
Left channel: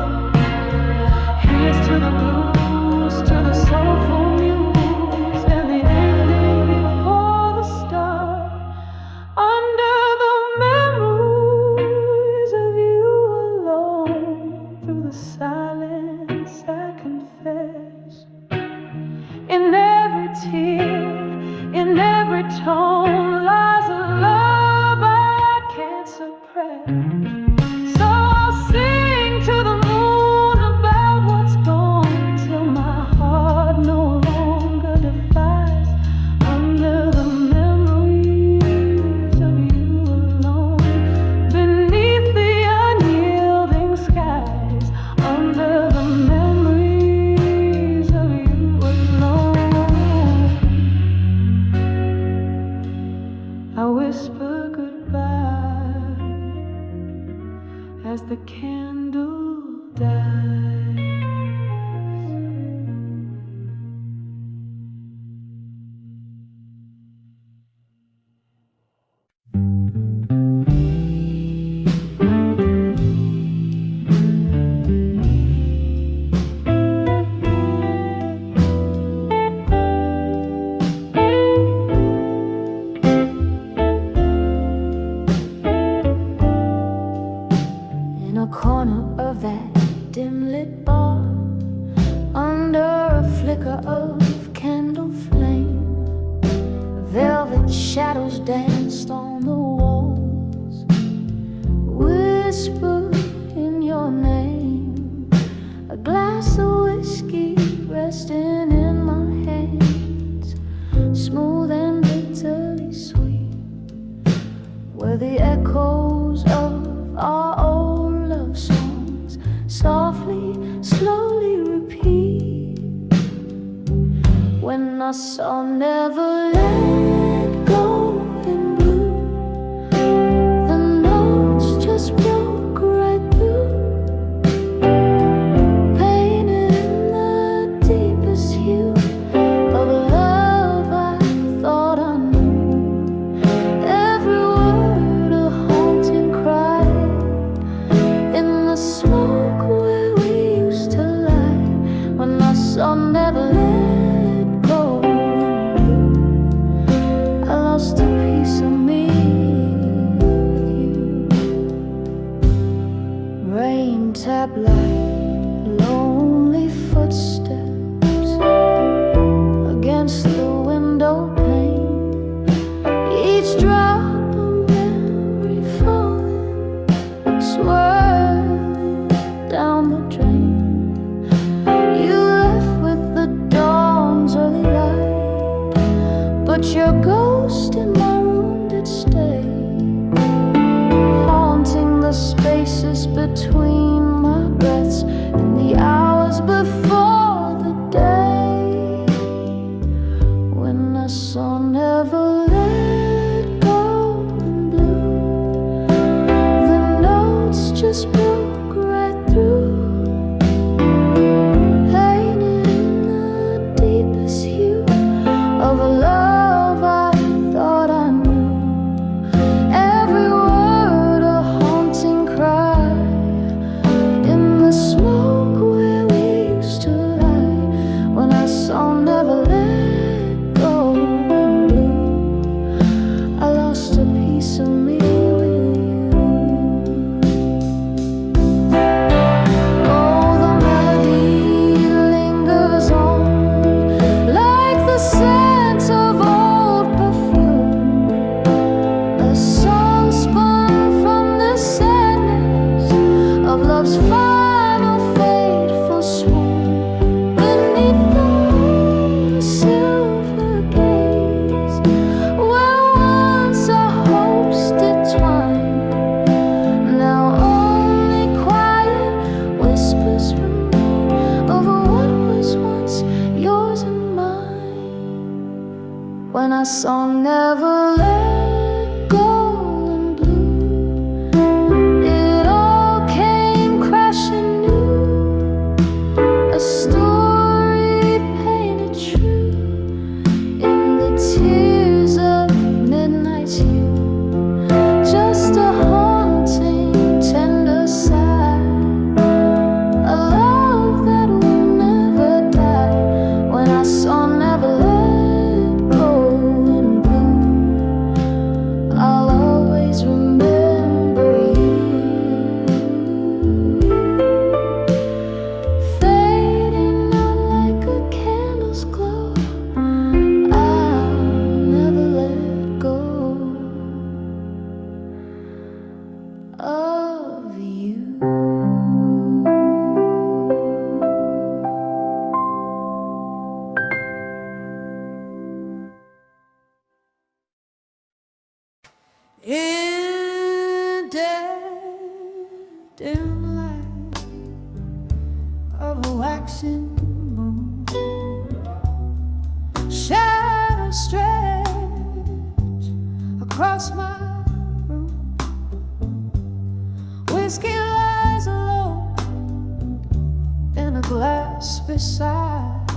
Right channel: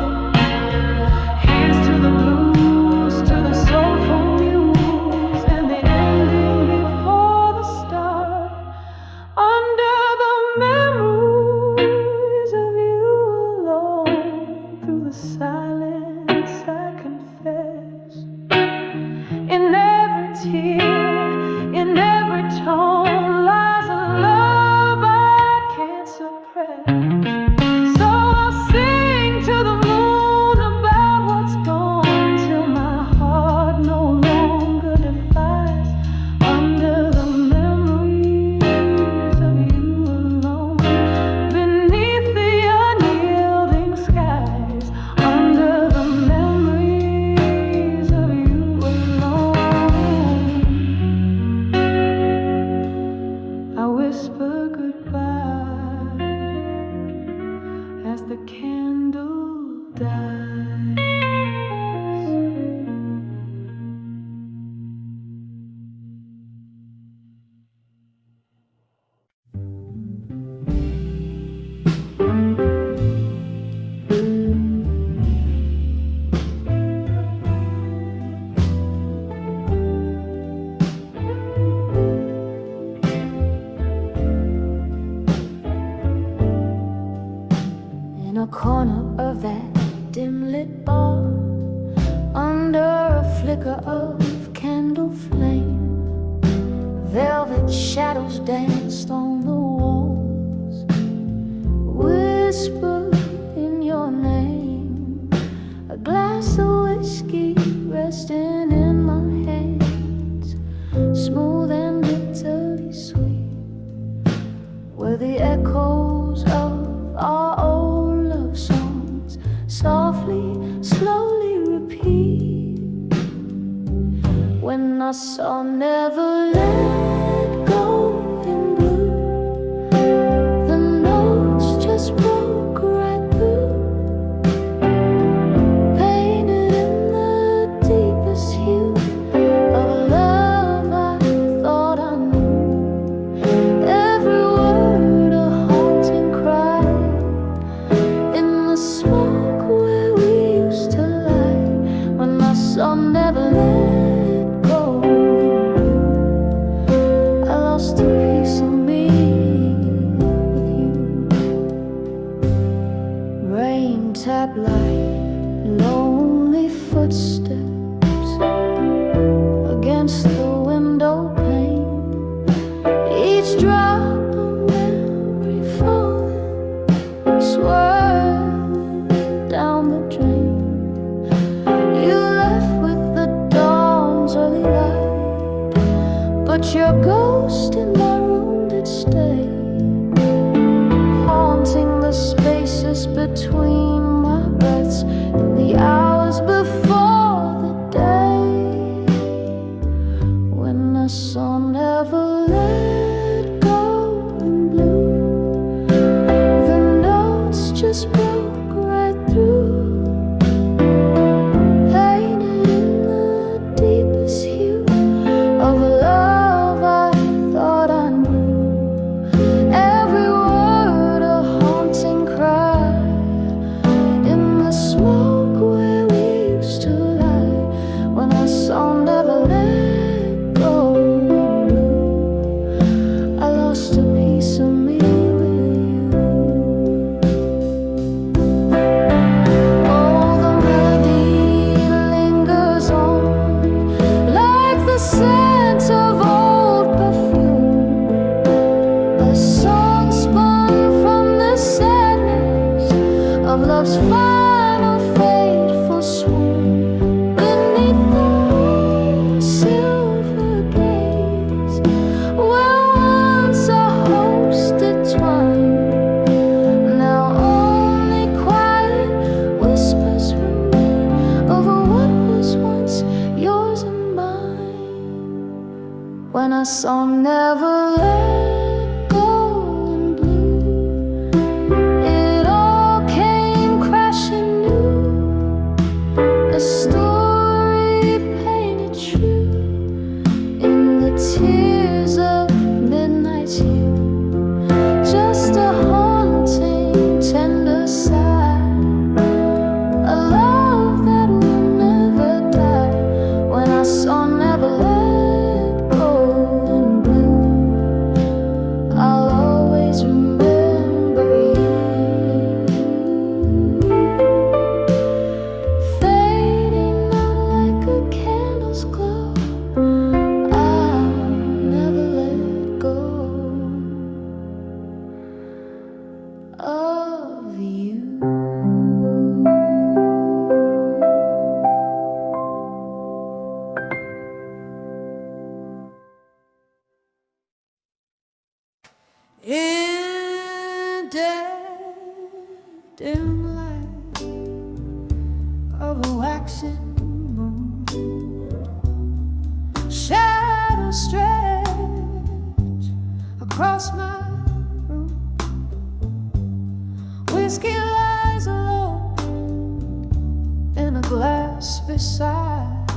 Here's to the blues, to the soulful muse, and the ending before the start, under the memories of you alone. Through the silence I confess, in every tear, in every tone lies a love I can't suppress. So I'll sing to the moon about what's gone, till my heart no longer defies, under the memories of you alone. Beneath the unyielding skies, under the memories of you alone. I whisper goodbye as the candle dies. In a corner of that dim-lit bar, under a flicker of candle flame, velvet shadows danced on the walls, whisper in your name. A glass of whiskey resting in my hands, smooth and bitterly sweet, were the echoes of our old love songs, softly, slowly repeat. When I saw Never Let Go in blue, the notes just broke right through, painted in the deepest hue of a love I thought I knew. Every word a haunting cry, in the smoke where we used to lie. When I saw Never Let Go in blue, I lost a piece of me with you. Rain tap like lonely footsteps against the window pane, each drop a memory falling, swirling down the drain. You left with the dawn's early light, but your ghost in my room did stay, haunting the spaces between my breaths in the hours before the day never let go in blue. The notes just broke right through, painted in the deepest hue of a love I thought I knew. Every word a haunting cry in the smoke where we used to lie. When I saw never let go in blue, I lost a piece of me with you. Oh, the melody lingers on like the scent of old perfume, a song spun from the sadness of love's final fateful swoon. Beneath the moon's silver gaze, where once our hopes did twine, now only quiet whispers remain over what was once yours and mine. When I saw never let go in blue, it all came crashing new, a story painted true in the tears of midnight's hue, just a haunting tender sigh, a love that will never die. When I saw never let go in blue, I'll always remember you, fading out like a candle's glow. I'll never let go of you. In dead dim light of a waxing moon, shadows stretch across my room. Whiskey lies alone in a glass beside,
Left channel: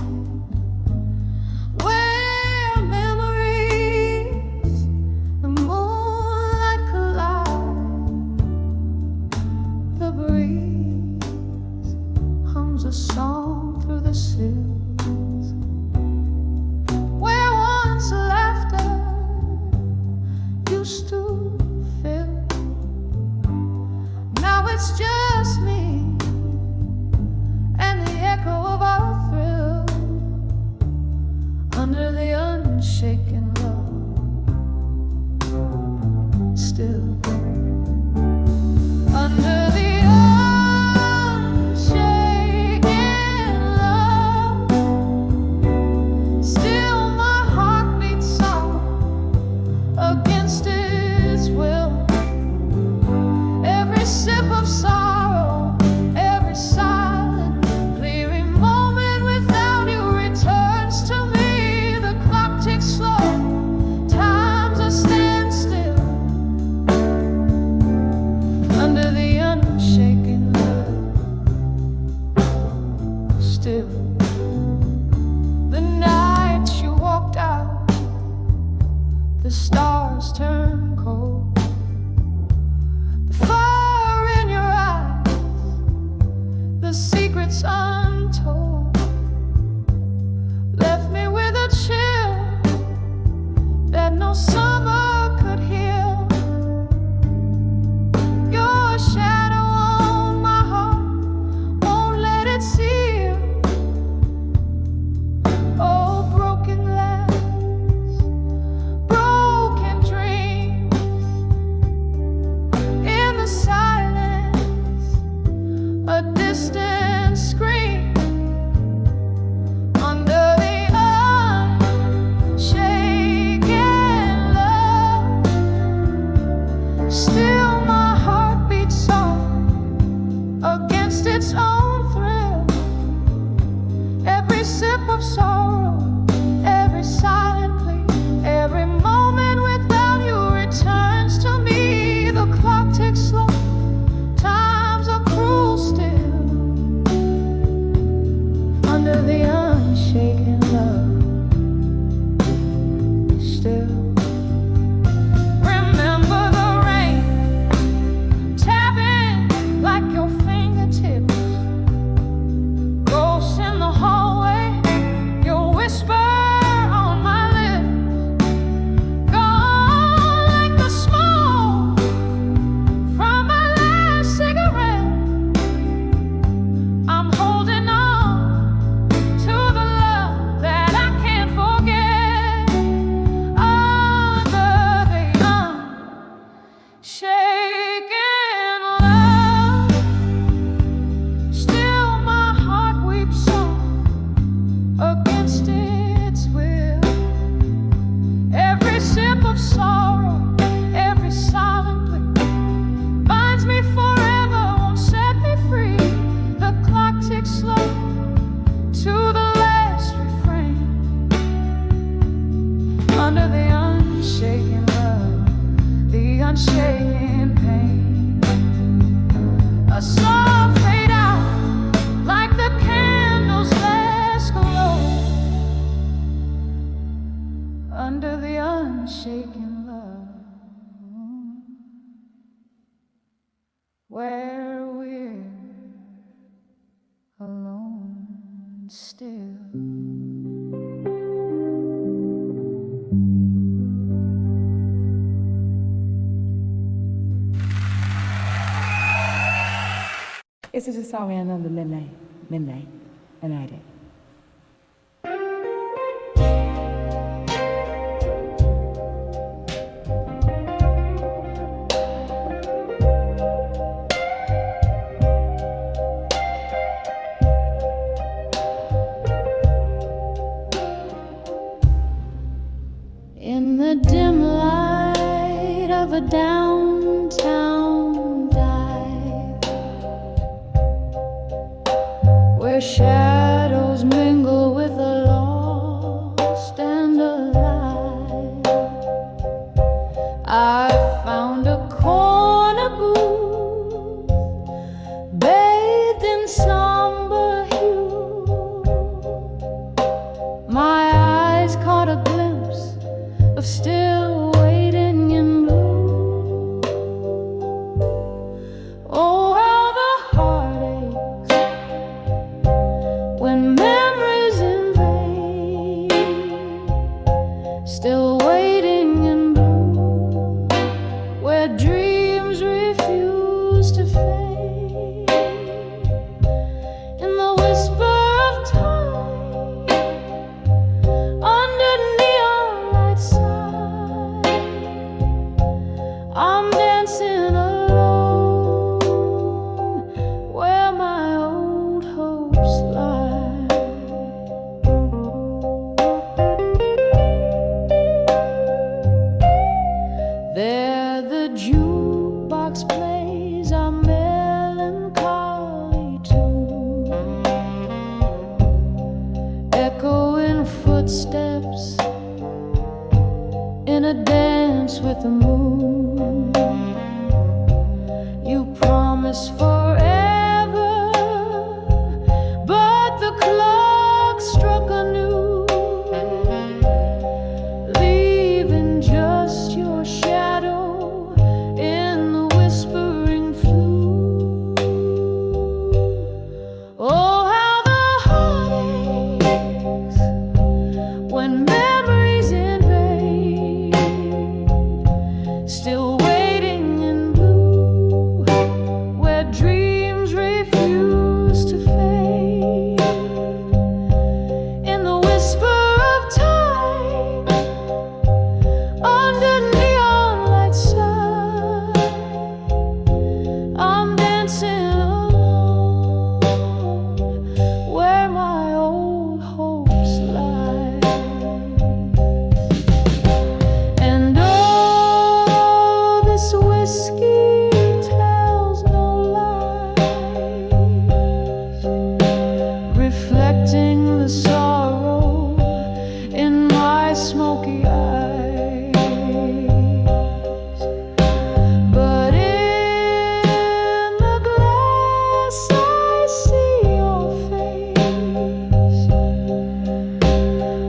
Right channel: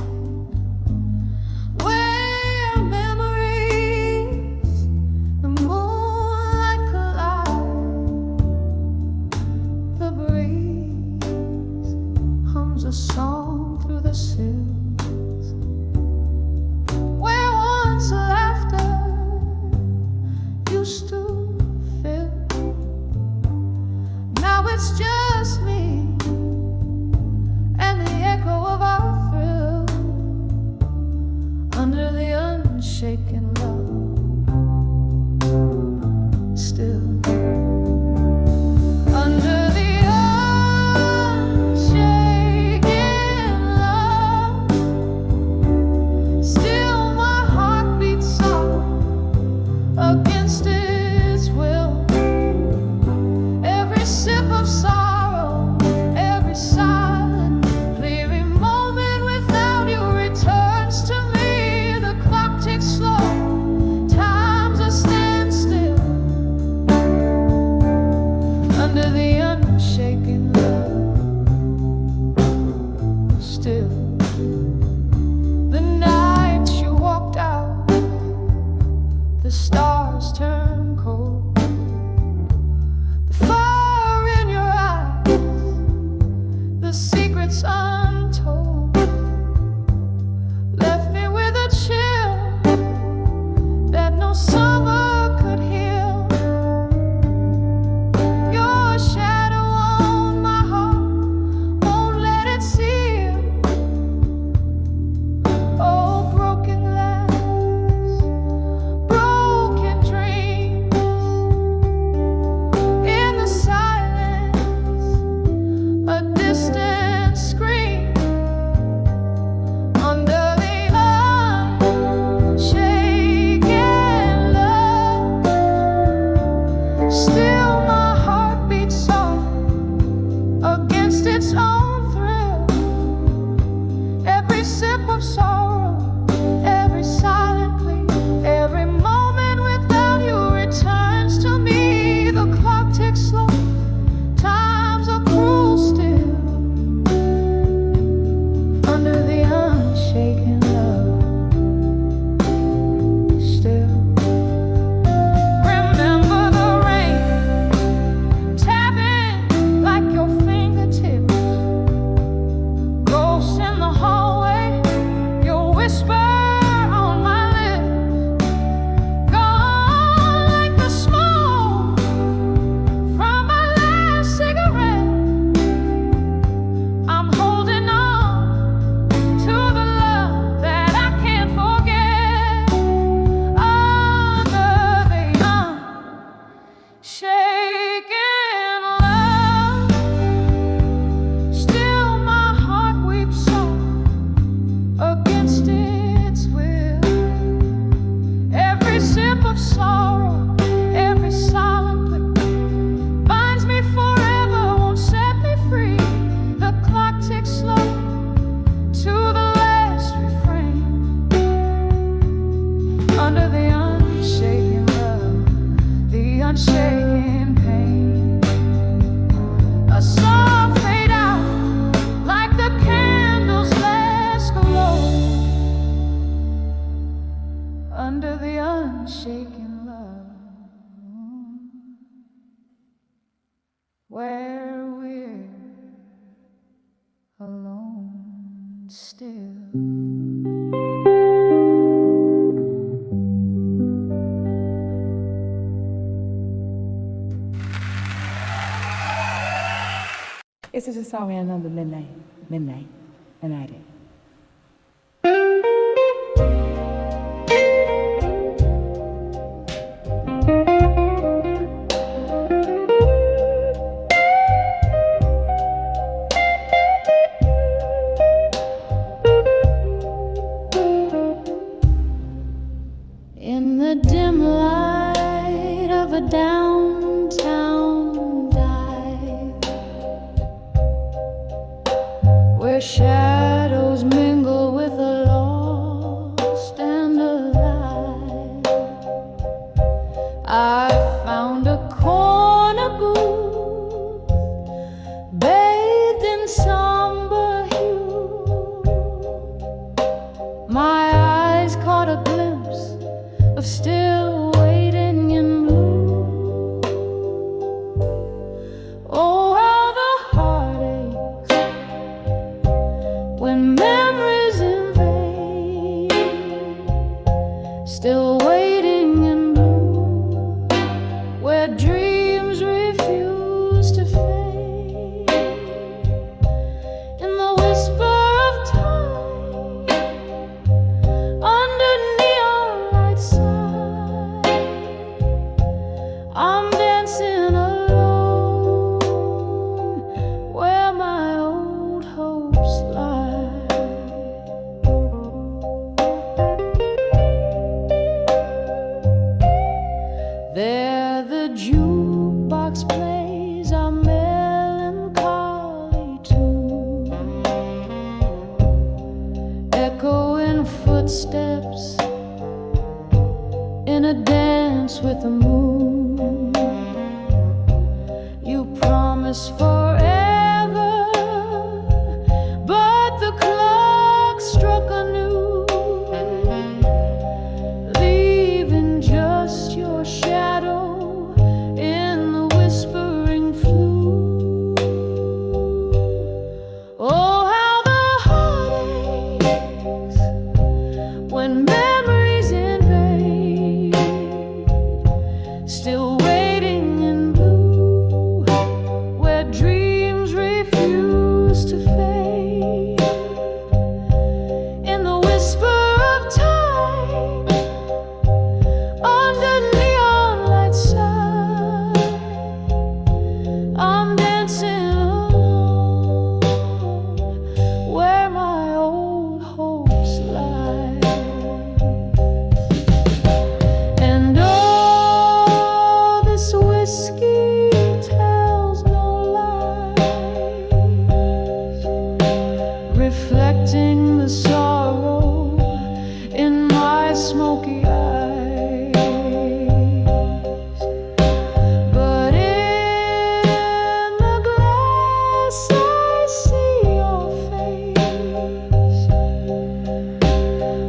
where memories, the moonlight collide. The breeze hums a song through the sills, where once laughter used to fill. Now it's just me and the echo of our thrill, under the unshaken love. Still under the unshaken love, still my heart beats soft against its will. Every sip of sorrow, every silent, clearing moment without you returns to me. The clock ticks slow, time's a standstill, under the unshaken love. Still, the night you walked out, the stars turned cold. The fire in your eyes, the secrets untold, left me with a chill that no summer could heal. Your shadow on my heart won't let it seal. Oh, broken glass, broken dreams, in the silence, a distant scream. still. It's just a song and another midnight, and I did. In the dim light of a downtown dive, where shadows mingle with the lost and alive, I found a corner booth bathed in somber hue. My eyes caught a glimpse of still waiting in blue. Oh, how the heart aches when memories invade, still waiting in blue, where dreams refuse to fade. In the whisper of time, under neon lights, I'm dancing alone where my old hopes lie. There the jukebox plays a melancholy tune, echoing footsteps in a dance with the moon. You promise forever, but the clock struck anew, leaving just your shadow in the whispering flue. Oh, how the heart aches when memories invade, still waiting in blue, where dreams refuse to fade. In the whisper of time, under neon lights side, I'm dancing alone where my old hopes lie. And oh, this whiskey tells no lies, reflecting the sorrow in my smoky eyes. But in the glass I see your face,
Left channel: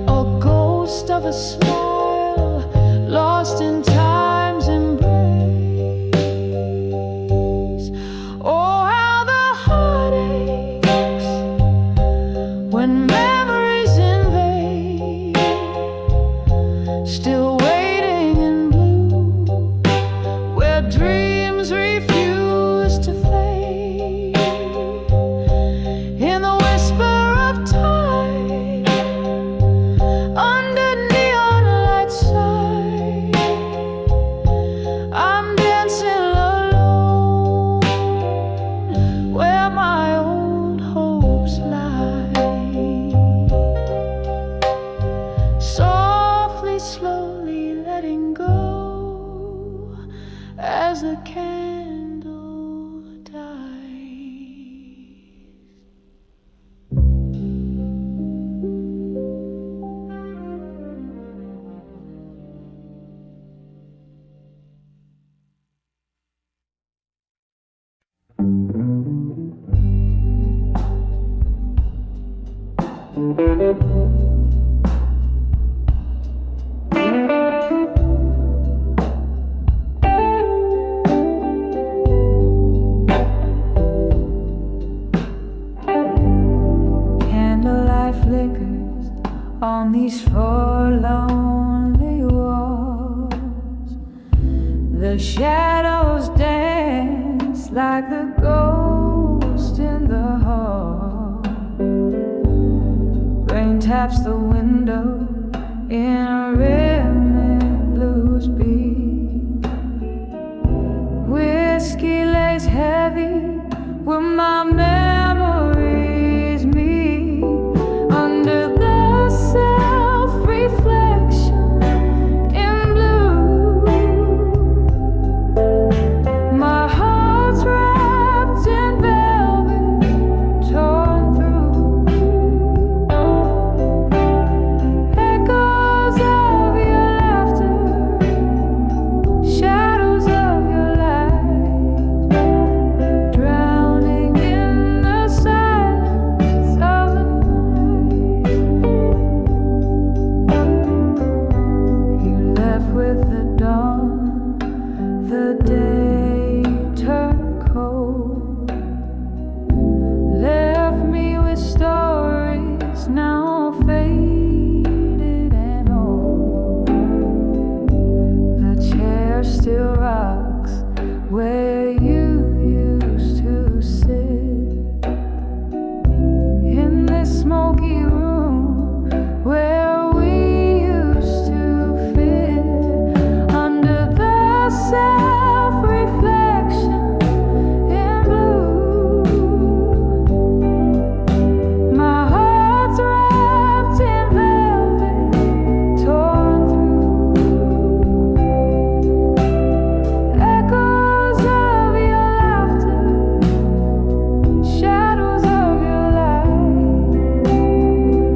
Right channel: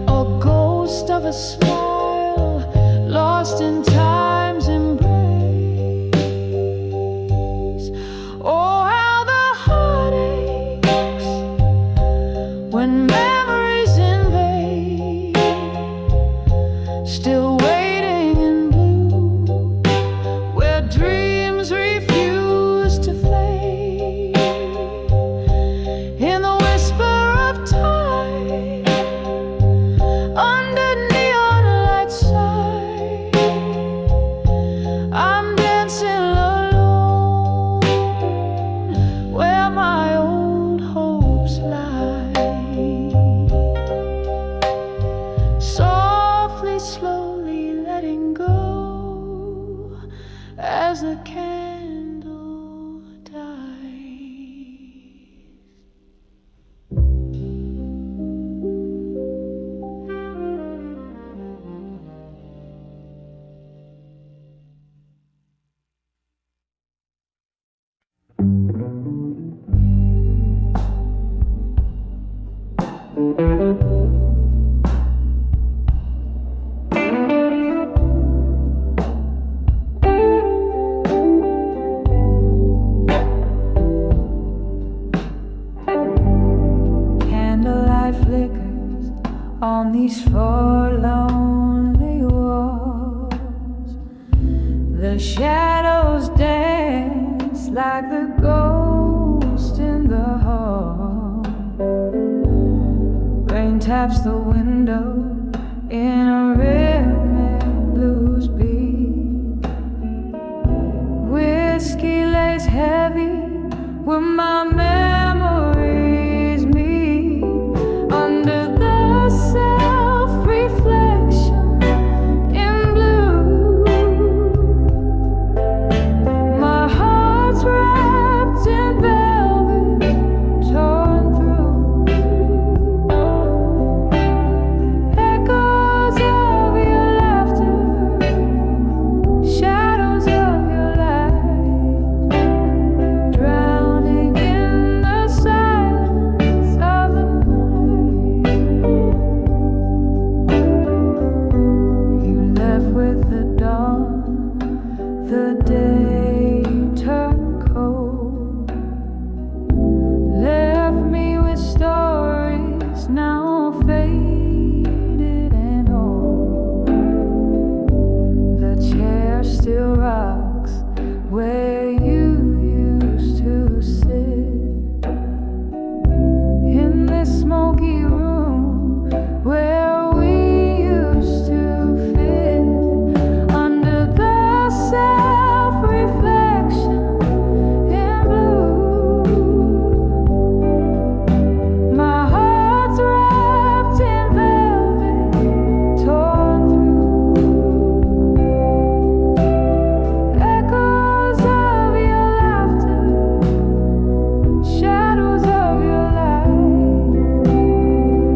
a ghost of a smile lost in time's embrace. Oh, how the heart aches when memories invade, still waiting in blue, where dreams refuse to fade. In the whisper of time, under neon lights side, I'm dancing alone where my old hopes lie. Softly, slowly letting go as the candle dies. Candlelight on these four lonely walls. The shadows dance like the ghost in the hall. Rain taps the window in a rhythmic blues beat. Whiskey lays heavy where my memories meet. Under the self-reflection in blue, my heart's wrapped in velvet, torn through. Echoes of your laughter, shadows of your light, drowning in the silence of the night. You left with the dawn, the day turned cold. Left me with stories now faded and old. The chair still rocks where you used to sit, in this smoky room where we used to fit. Under the self-reflection in blue, my heart's wrapped in velvet, torn through. Echoes of your laughter, shadows of your light,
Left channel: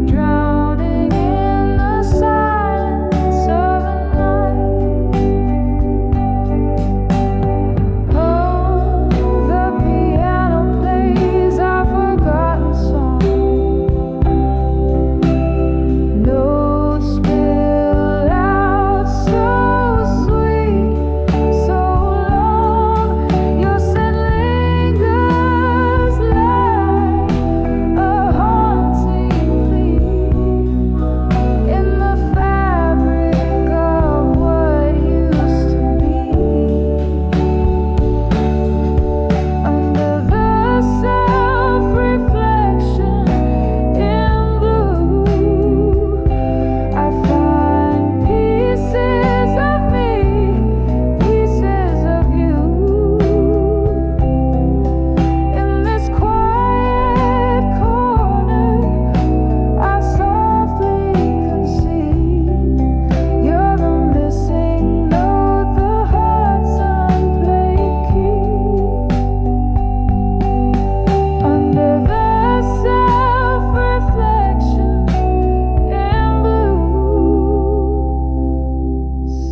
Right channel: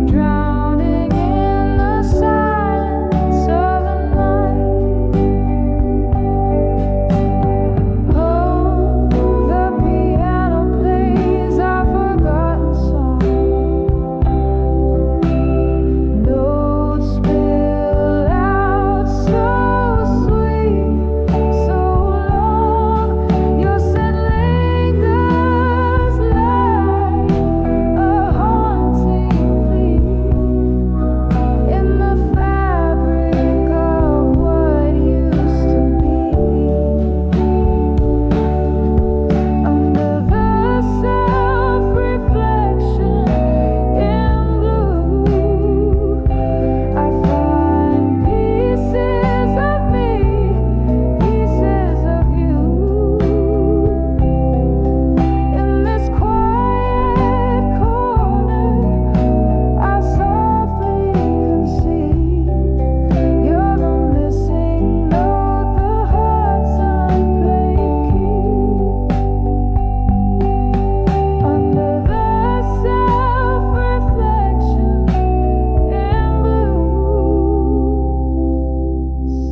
drowning in the silence of the night. Oh, the piano plays our forgotten song. Notes spill out so sweet, so long. Your scent lingers like a haunting plea in the fabric of what used to be. Under the self-reflection in blue, I find pieces of me, pieces of you. In this quiet corner, I softly concede you're the missing note, the heart's unplayed key. Under the self-reflection in blue,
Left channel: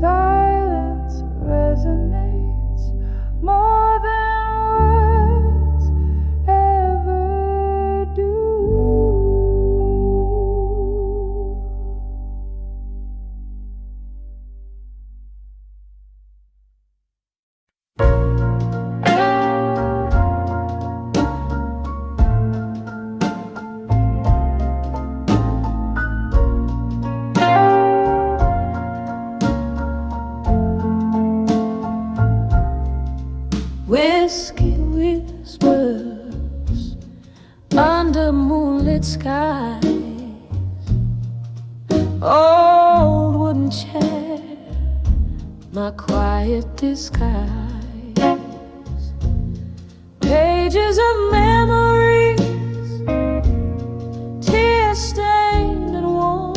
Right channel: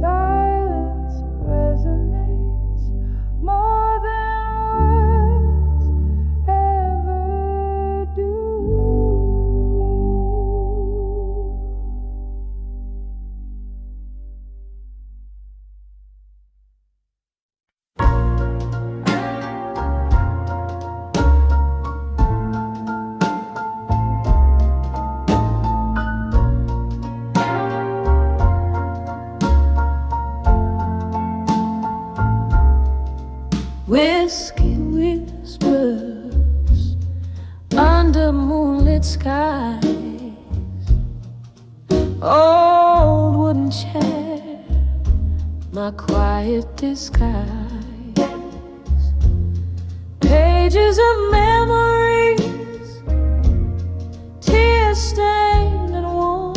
silence resonates more than words ever do. Whiskey whispers under moonlit skies. Old wooden chair, my quiet disguise. Pages of memories, tear stained and worn.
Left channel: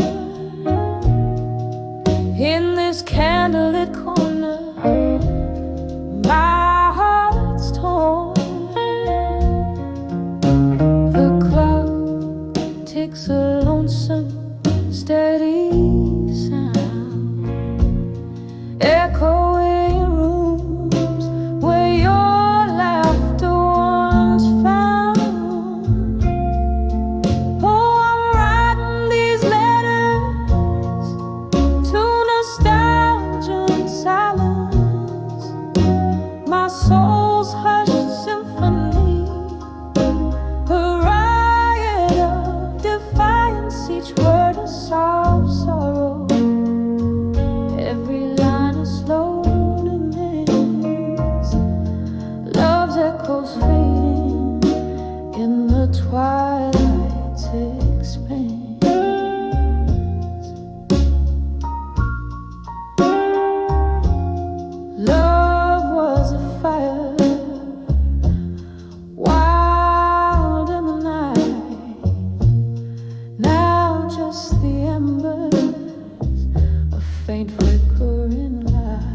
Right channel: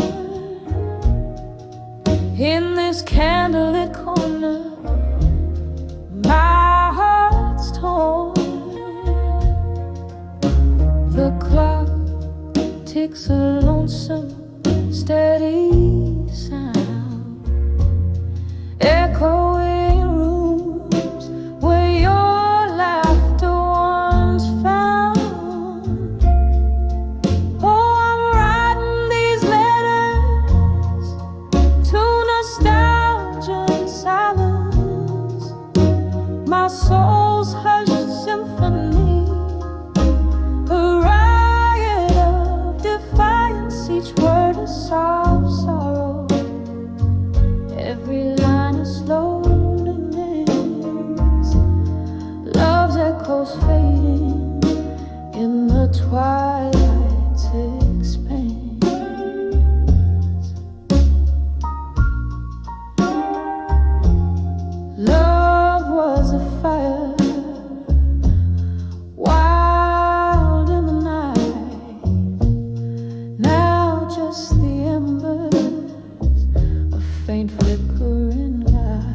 In this candlelit corner, my heart's torn. The clock ticks a lonesome, steady sound, echoing rooms where your laughter once found. Oh, I'm writing these letters to nostalgia and silence, my soul's hushed symphony, a riot of defiance, each word a song. echoes fading in the twilight's expanse. Love was a fire, wild in the night. Now just the embers, a faint flickering light.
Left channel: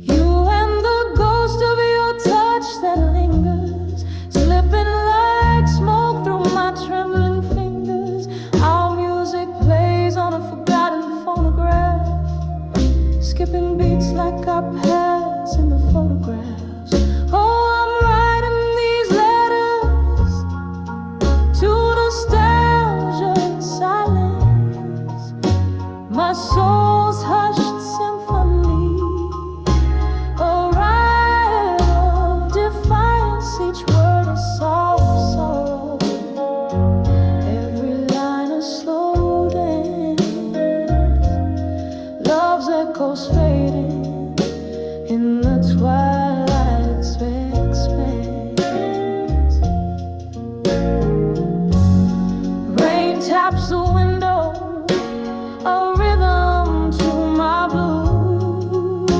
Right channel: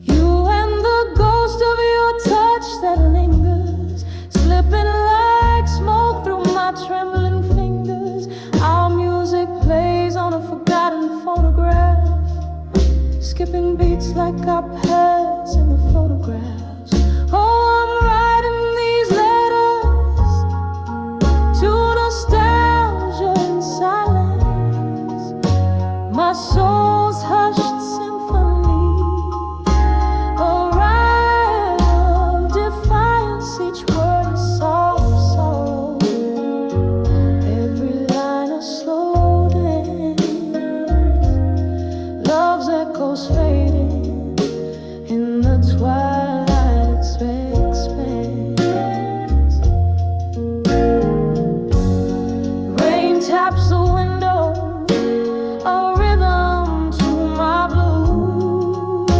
You and the ghost of your touch that lingers, slipping like smoke through my trembling fingers. Our music plays on a forgotten phonograph, skipping beats like our past in the photographs. Oh, I'm writing these letters to nostalgia in silence, my soul's hushed symphony, a riot of defiance, each word a soft sorrow, every line a slow dance. Love's echoes fading in the twilight's expanse. Rain taps the window, a rhythm to my blues.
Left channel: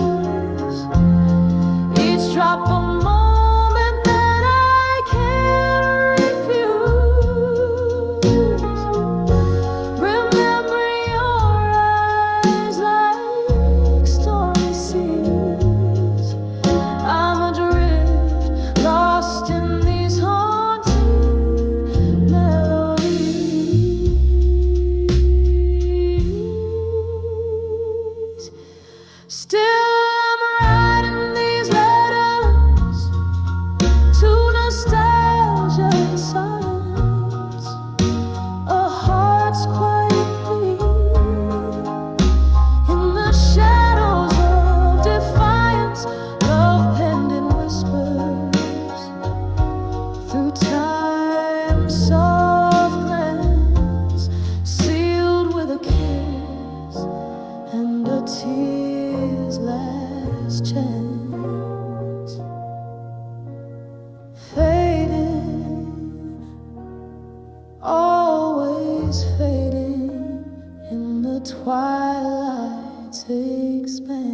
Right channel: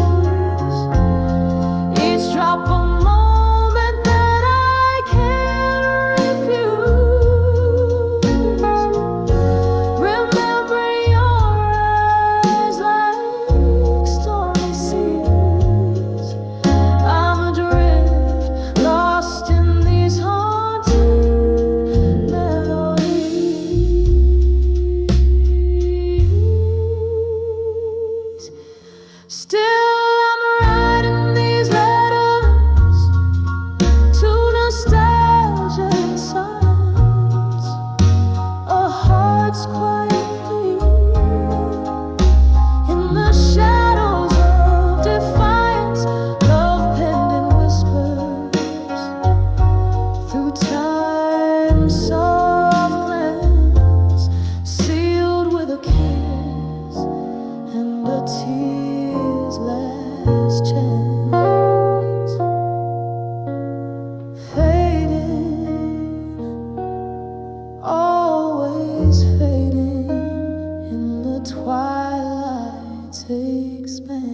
Each drop a moment that I can't refuse. Remembering your eyes like stormy seas. I'm adrift, lost in these haunting melodies. Still I'm writing these letters to nostalgia and science, a heart's quiet plea in the shadows of defiance. Love penned in whispers through time's soft glance, sealed with a kiss and a tear's last chance. Fading, always fading in the twilight's expanse.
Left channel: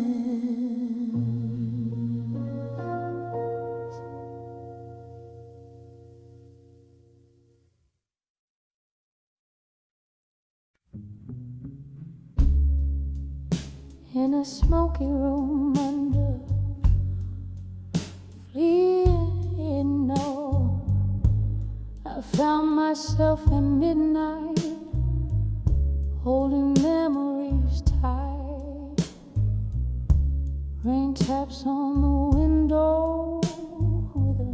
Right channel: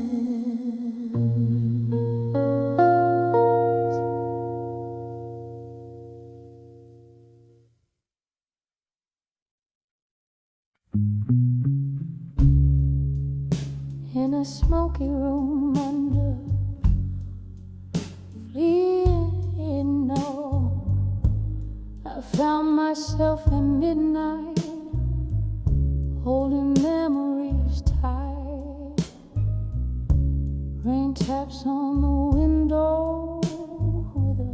In a smoky room under fleeing no, I found myself at midnight, holding memories tight. Rain taps on the window with a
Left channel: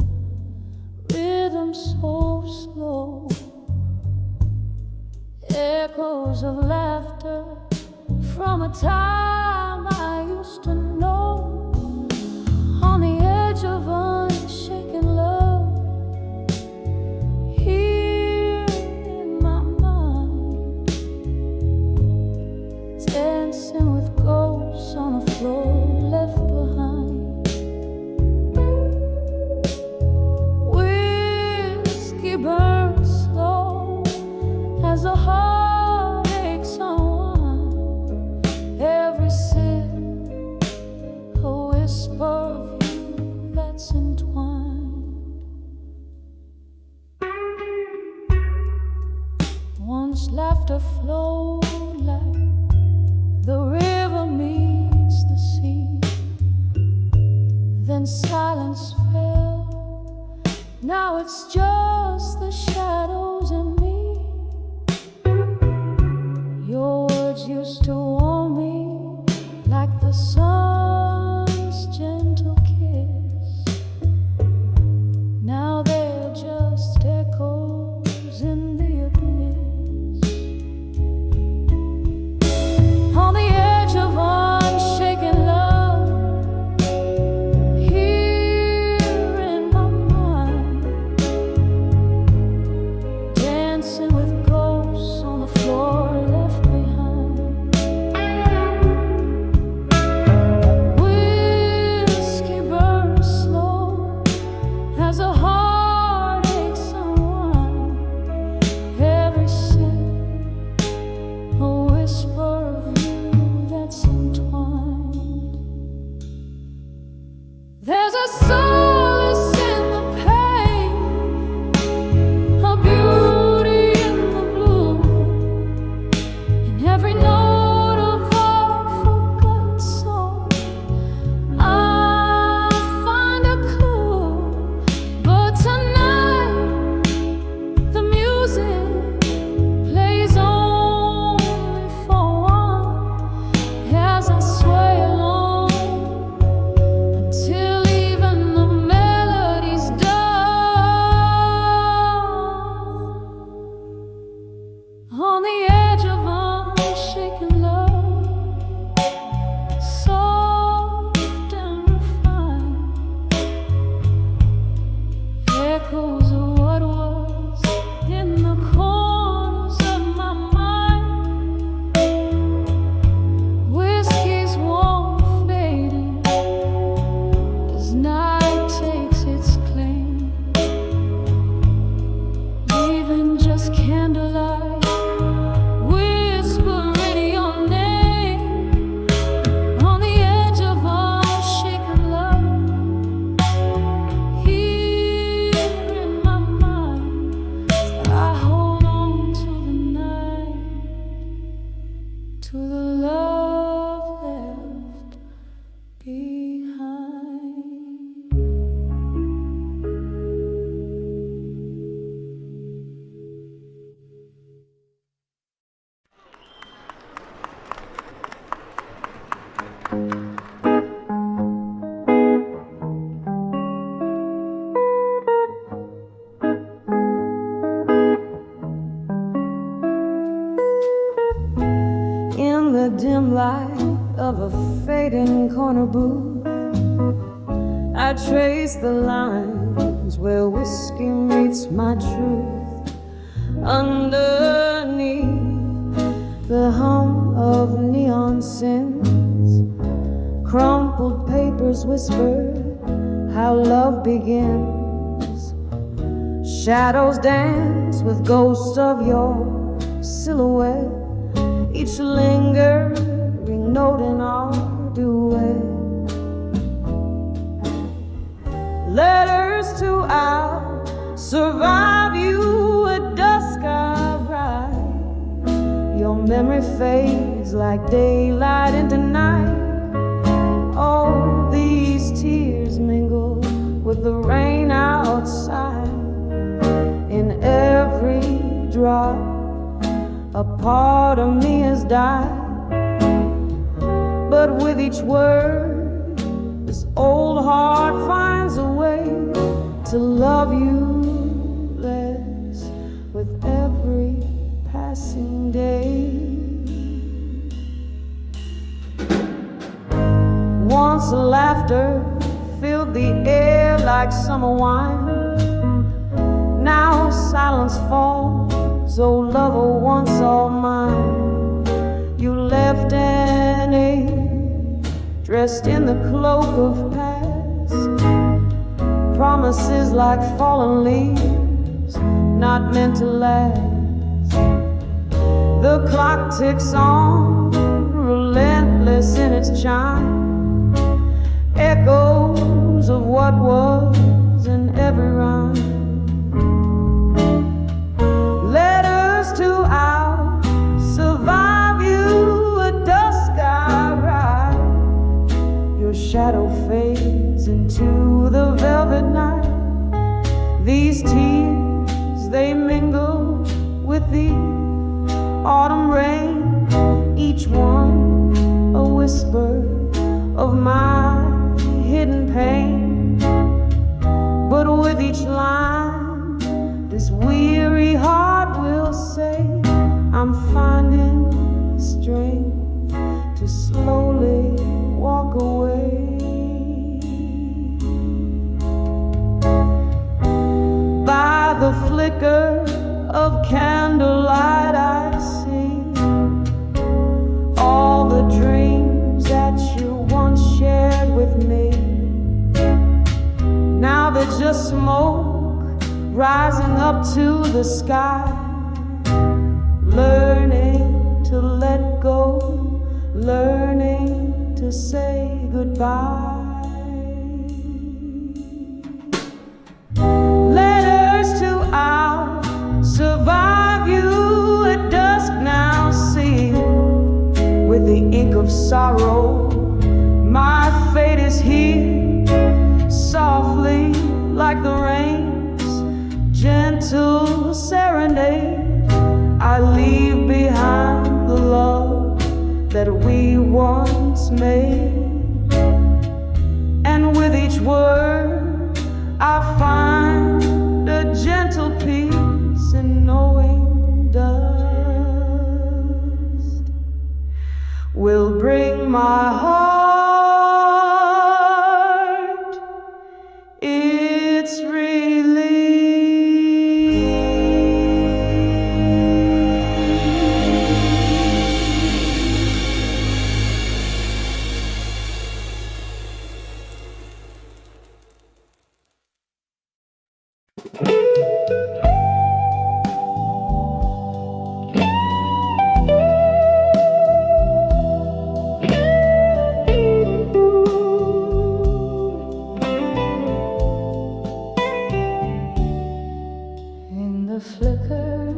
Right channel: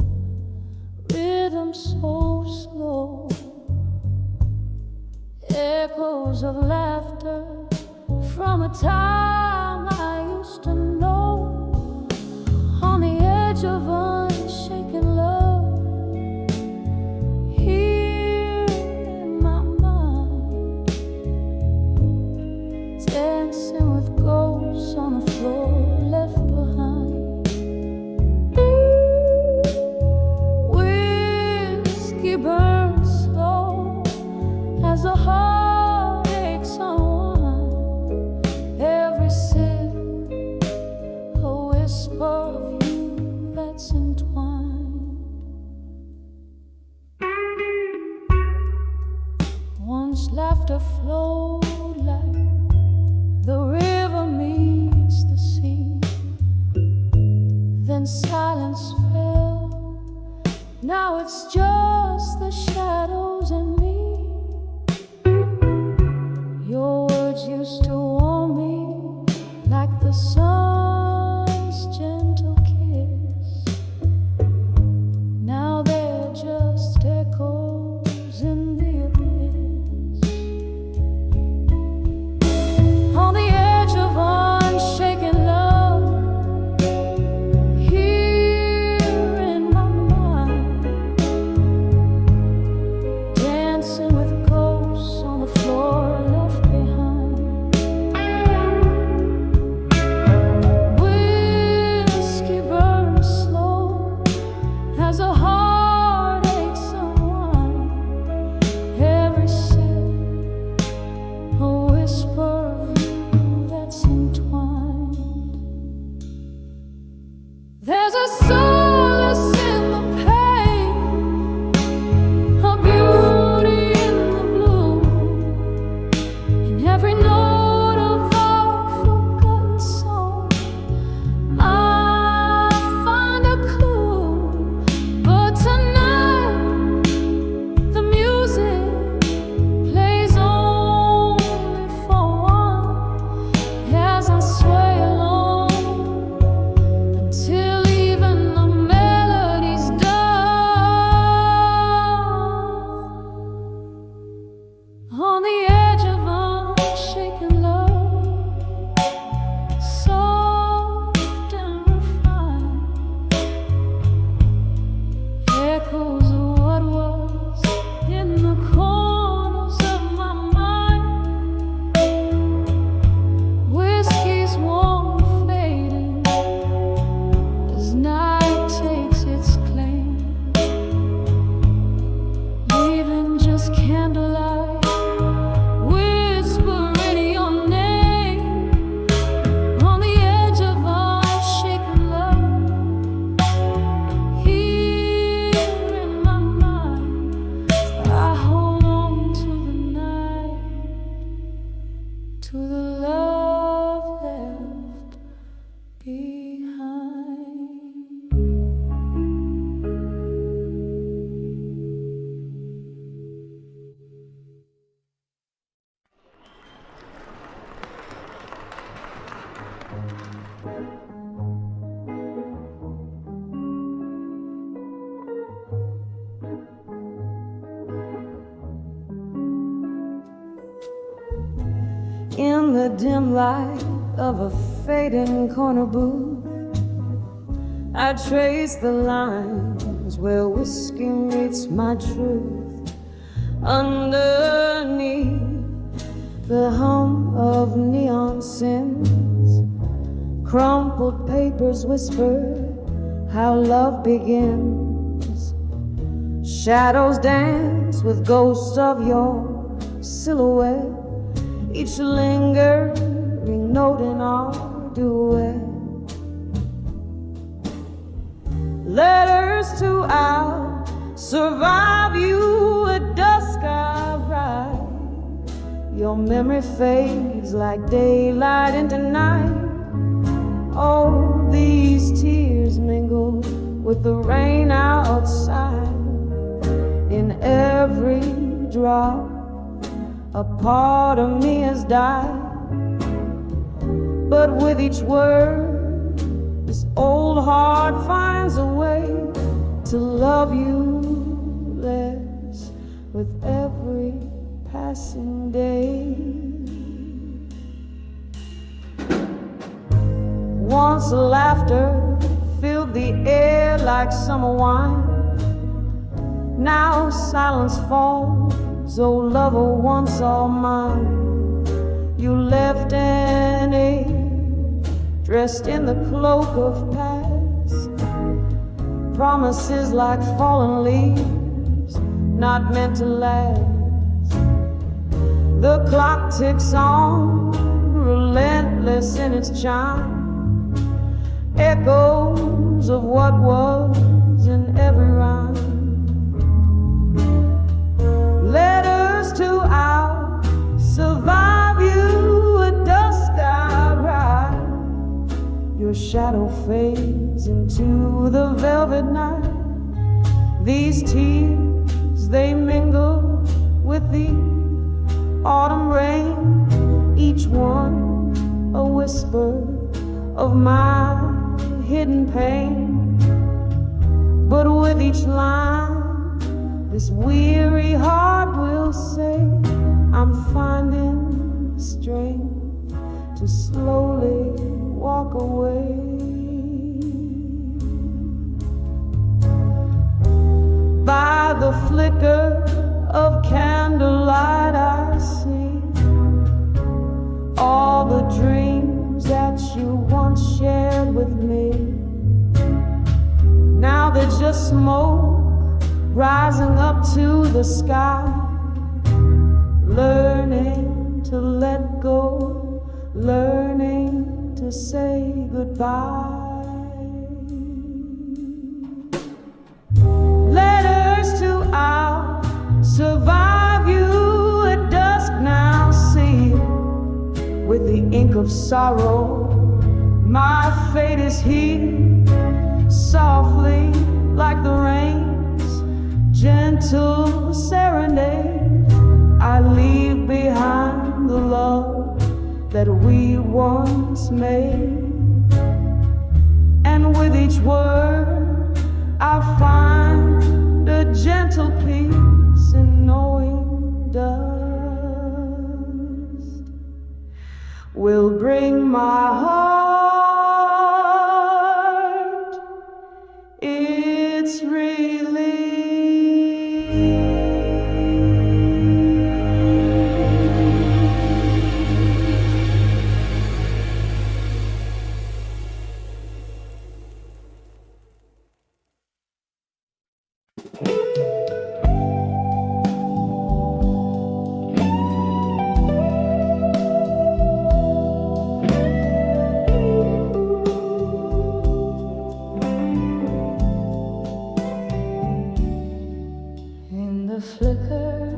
rhythm so slow, echoes of laughter from a time I used to know, on the edge of unshaken love, here in my mind, dancing with ghosts on the floor left behind. Whiskey burns slow as the heartaches unwind. Every sip, a whisper of you that's entwined. Once laughter flowed like the river meets the sea, then silence fell. Now it's just the shadows and me. Your words used to warm me like the sun's gentle kiss. Now they're just echoes in the abyss. On the edge of unshaken love, here in my mind, dancing with ghosts on the floor left behind. a solace in the pain, a beauty in the blue, in every note of our forgotten song. I find a clue, but tonight the music plays only for one, as I sway along until even the melody's done. On the edge of unshaken love, soft and refined, echoes of what was in the corners of my mind. Whiskey's warm fading as night takes its claim, leaving just candlelight whispering your name. On the edge of unshaken love, here in my mind, I hold on to the night, to the love left behind. In the dim light of a fading corner booth, I trace the lines where whiskey meets my truth. Underneath the hum of neon sins, crumpled papers whisper how love begins. Shadows dance with ghosts of your silhouette, each lingering note in our duet. Letters to survive you at dusk I write. Your memory fades like daylight into night. Oh, these tears mingle with the rain outside. In every drop a part of me has died. But with each word, this old heart finds a way to love you less with every passing day. Once laughter filled the air like summer wine. Now silence falls, oh lover once all mine. You left an age dressed in the cloak of past, promises like fallen leaves not meant to last. The clock ticks on, relentless in its chime, echoes of what was in every rhyme. Letters to survive you at dusk I ride. Your shadow fades into the velvet night. These tears, they mingle with the autumn rain, each one a whisper of my hidden pain. But with each line, this weary heart will say, I'm finding strength to slowly walk away. By the flicker of candlelight I see all the dreams that you once shared with me. Now they're just smoke rising up to the sky, learning to let go, learning to say goodbye. survive you at dusk now sealed with the ink of sorrow. My fate is here, softly like the rain's gentle serenade. I leave behind the love that we once made, and with each word I find a gentle peace in knowing dust will bring my heart its relief. In the flicker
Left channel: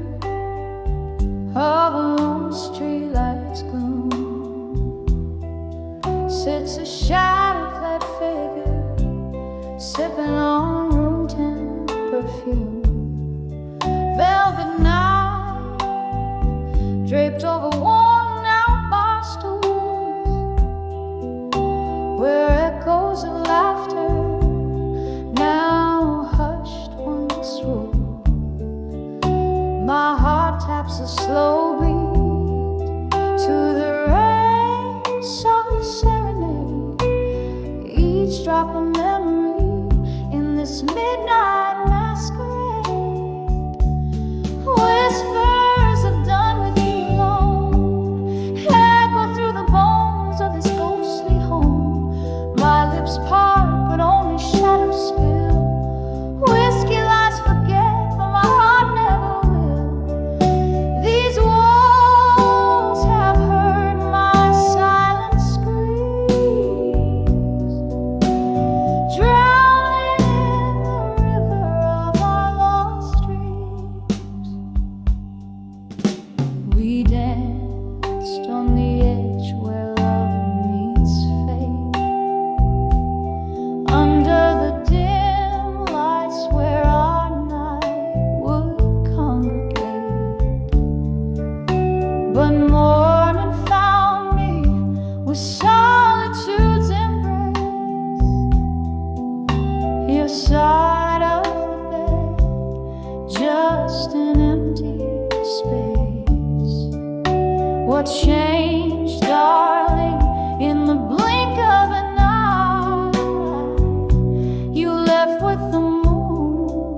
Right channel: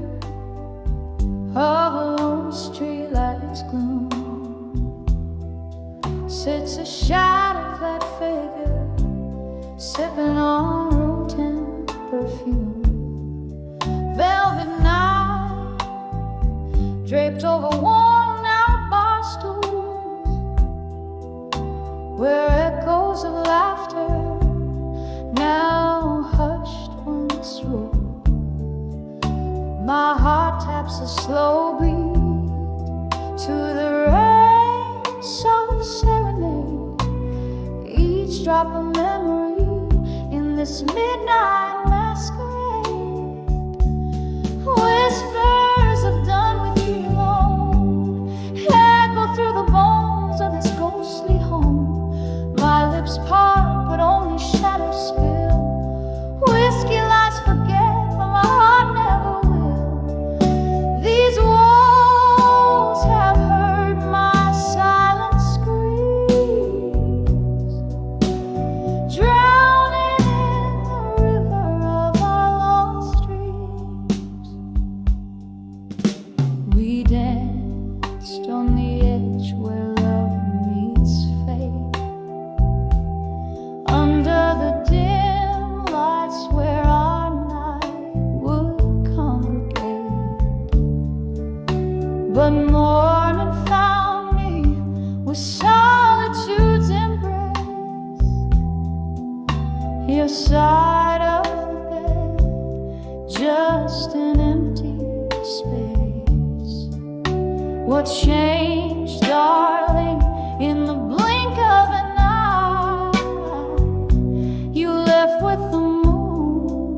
of a lone streetlight's gloom sits a shadow-clad figure sipping on room temp perfume. Velvet night draped over worn-out bar stools, where echoes of laughter now hushed once ruled. My heart taps a slow beat to the rain's soft serenade, each drop a memory in this midnight masquerade. Whispers of done with you alone echo through the bones of this ghostly home. My lips part, but only shadows spill. Whiskey lies forget, but my heart never will. These walls have heard my silent screams, drowning in the river of our lost dreams. We danced on the edge where love meets fate, under the dim lights where our night would congregate. But morning found me with solitude's embrace, your side of the bed, just an empty space. What changed, darling, in the blink of an eye? You left with the moon,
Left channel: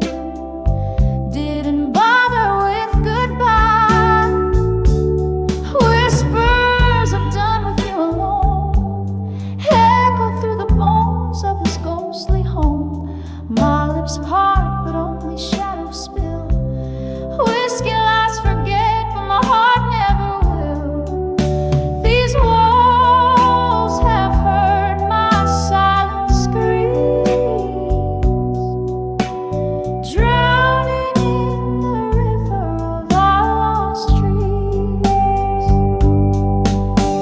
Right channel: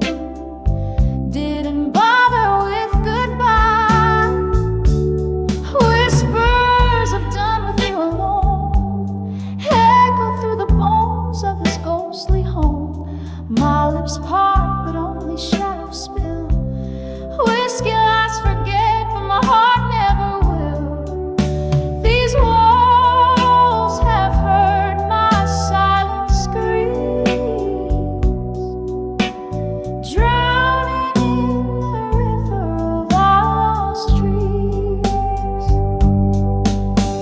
didn't bother with goodbye. Whispers of done with you alone echo through the bones of this ghostly home. My lips part, but only shadows spill. Whiskey lies forget, but my heart never will. These walls have heard my silent screams, drowning in the river of our lost trees.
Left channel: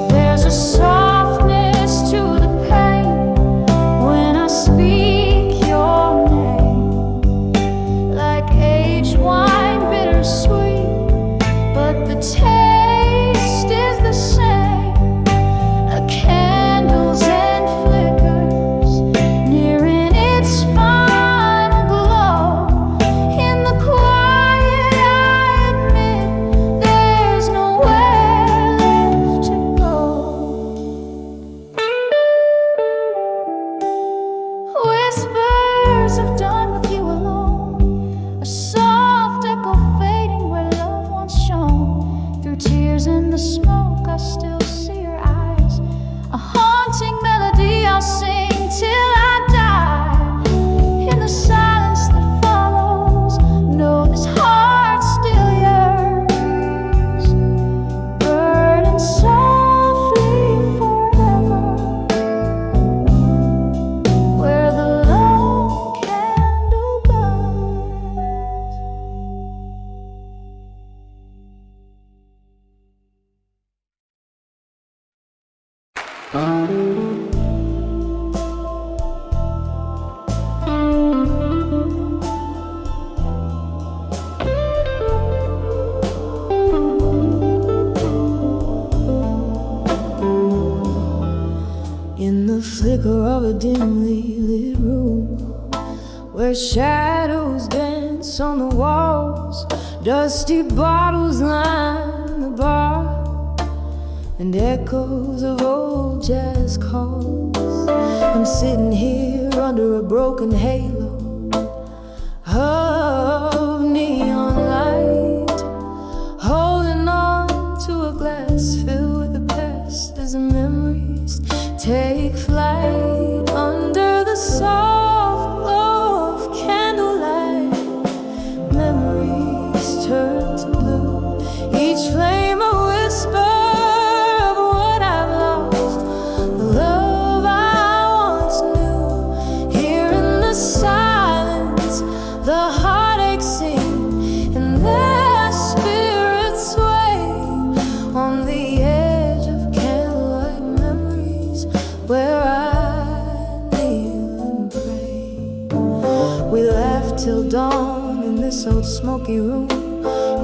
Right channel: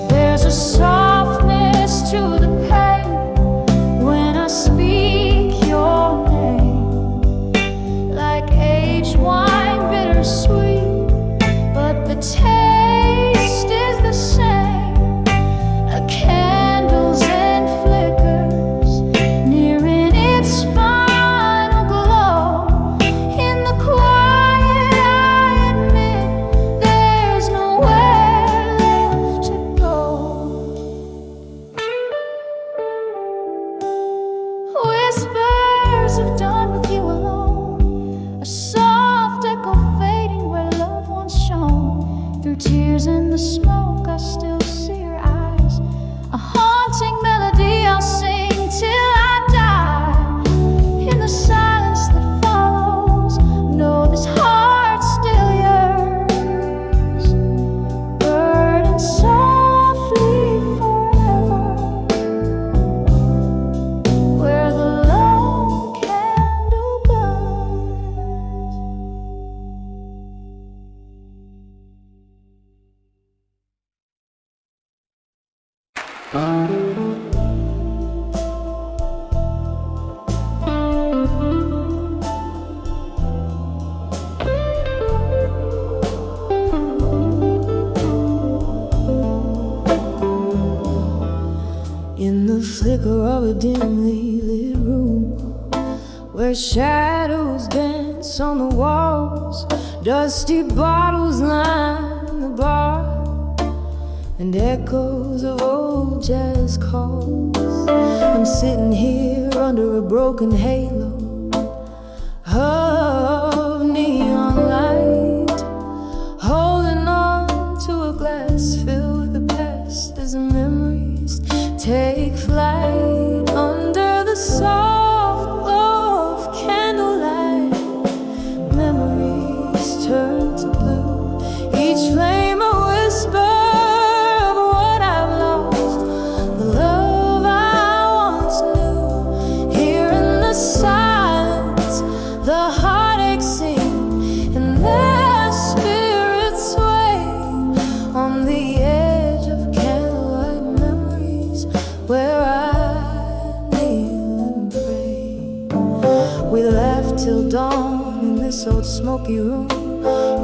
There's a softness to the pain when I speak your name, like aged wine, bittersweet, but the taste is the same. Candles and flickers nearing its final glow. In the quiet I admit there's nowhere left to go. Whispers of done with you alone, a soft echo fading where love once shone. Through tears in the smoke I still see your eyes, a haunting melody I'll sing till I die. In the silence that follows, know this heart still yearns, burning softly forever, where the lone candle burns. flicker of a dimly lit room, where shadows dance on the walls, dusty bottles line the bar, and echoes of old jazz calls. I'm sitting here under a broken halo of neon light, holding on to a glass filled with the past as the memories take flight under the soft glow of candlelight. Memories turn to blue, each flame a whisper of what I've lost, the love I once knew. Here in the silence, the heartache sing, and their spirits sway on the edge of candlelight memories, where I kneel and pray. We laughed till dawn in this old smoky room,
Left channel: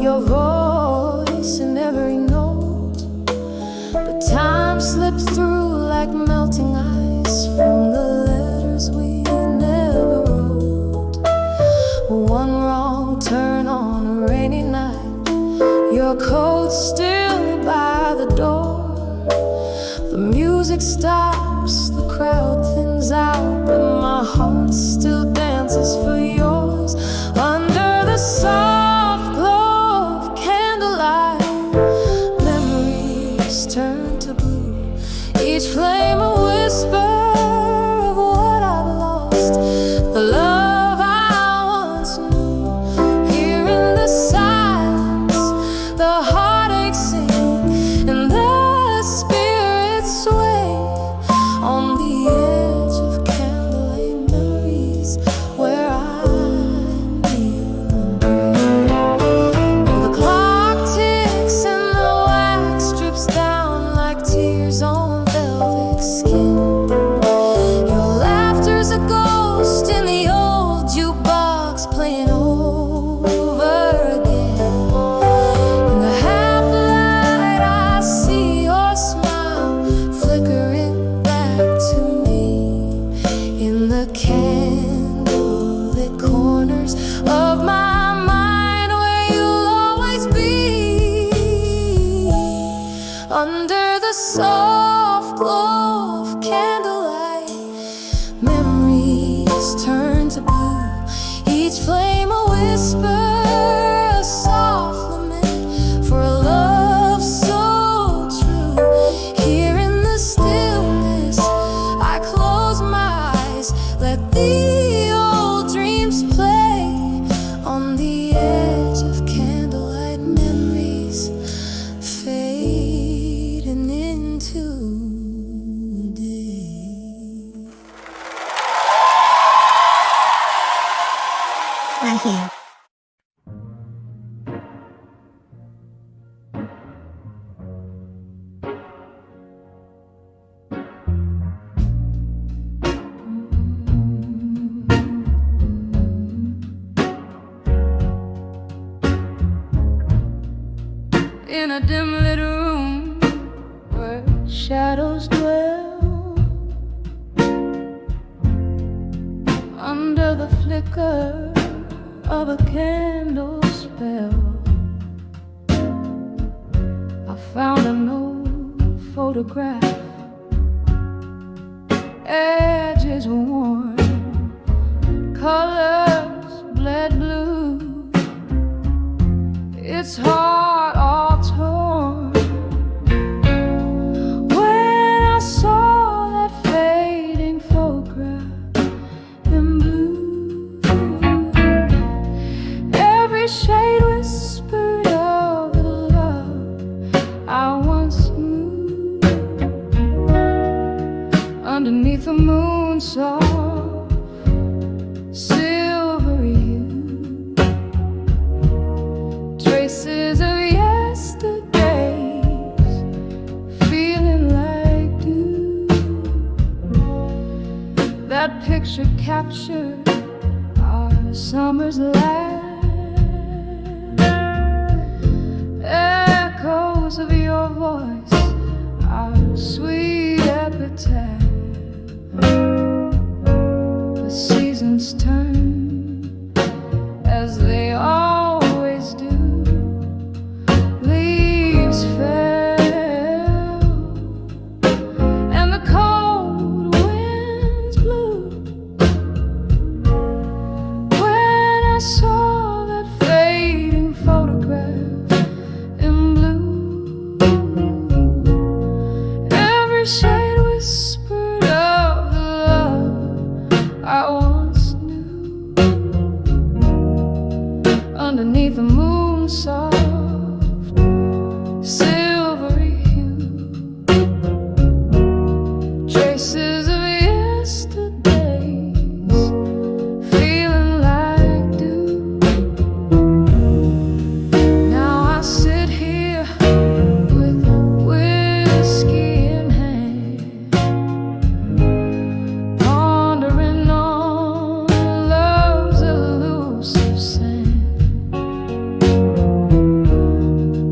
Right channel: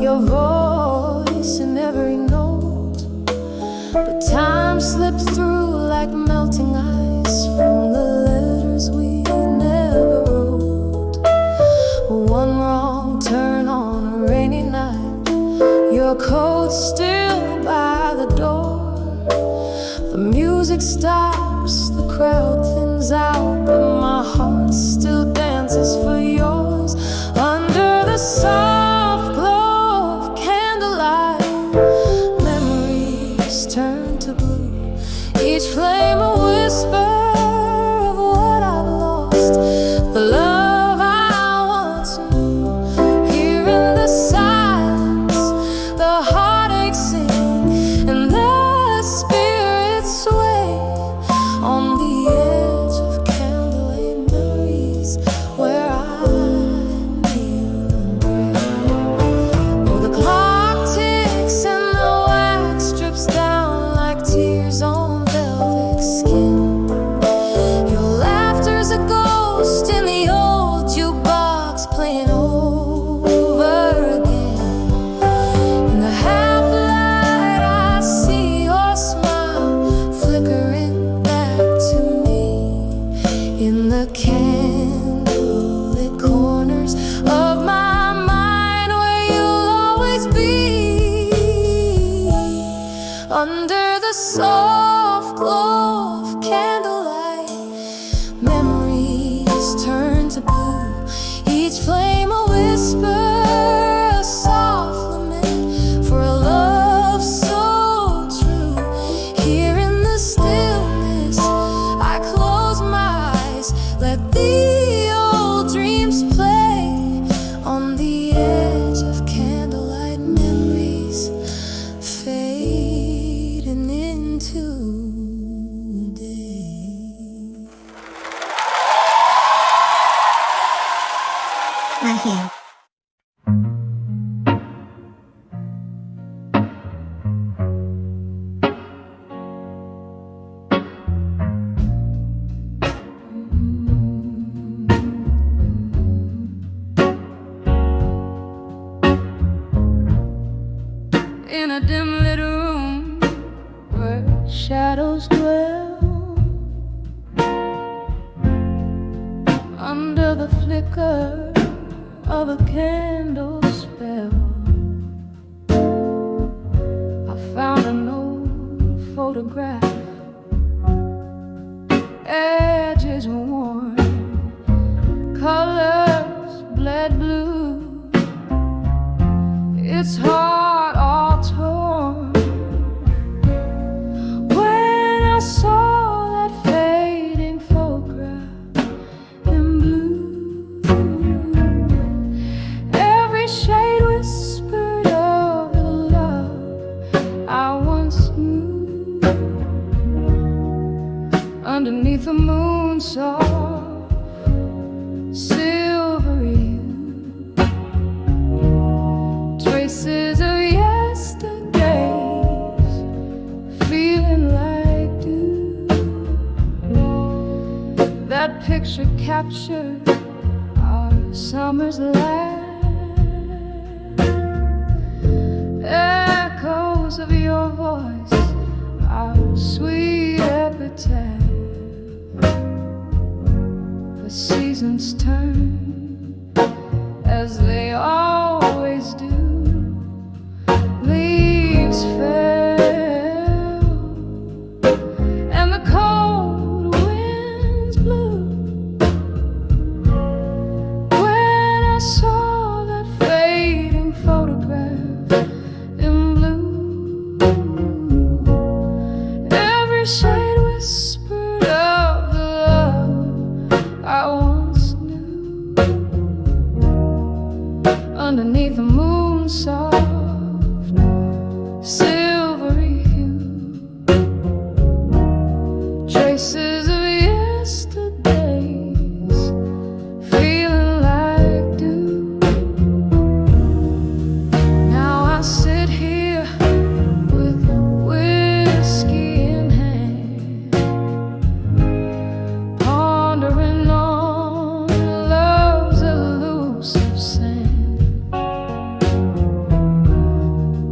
your voice in every note, but time slipped through like melting ice from the letters we never wrote. One wrong turn on a rainy night, your coat still by the door. The music stops, the crowd thins out, but my heart still dances for yours under the soft glow of candlelight. Memories turn to blue, each flame a whisper of what I've lost, the love I once knew. Here in the silence, the heartache sing, and the spirits sway on the edge of candlelight memories, where I kneel and pray. Oh, the clock ticks and the wax drips down like tears on velvet skin. Your laughter's a ghost in the old jukebox playing over again. In the half light I see your smile flickering back to me, in the candlelit corners of my mind, where you'll always be, under the soft glow of candlelight. Memories turn to blue, each flame a whisper, a soft lament for a love so true. Here in the stillness, I close my eyes, let the old dreams play on the edge of candlelight memories, fading into day. Right here. In a dim lit room where shadows dwell, under the flicker of a candle spell, I found an old photograph, edges worn, colors bled blue, its heart all torn. When I saw that fading photograph in blue, every shade whispered of the love I once knew. Underneath the moon, soft, silvery hue, traces of yesterdays, feeling like dew. That picture captured our summer's laugh, echoes of your voice, our sweet epitaph. the seasons turn as they always do. Leaves fell and the cold winds blew. When I saw that fading photograph in blue, every shade whispered of the love I once knew. Underneath the moon soft silvery hue, traces of yesterdays feeling like dew. Now I sit here with whiskey in hand, pondering on love's elusive sand,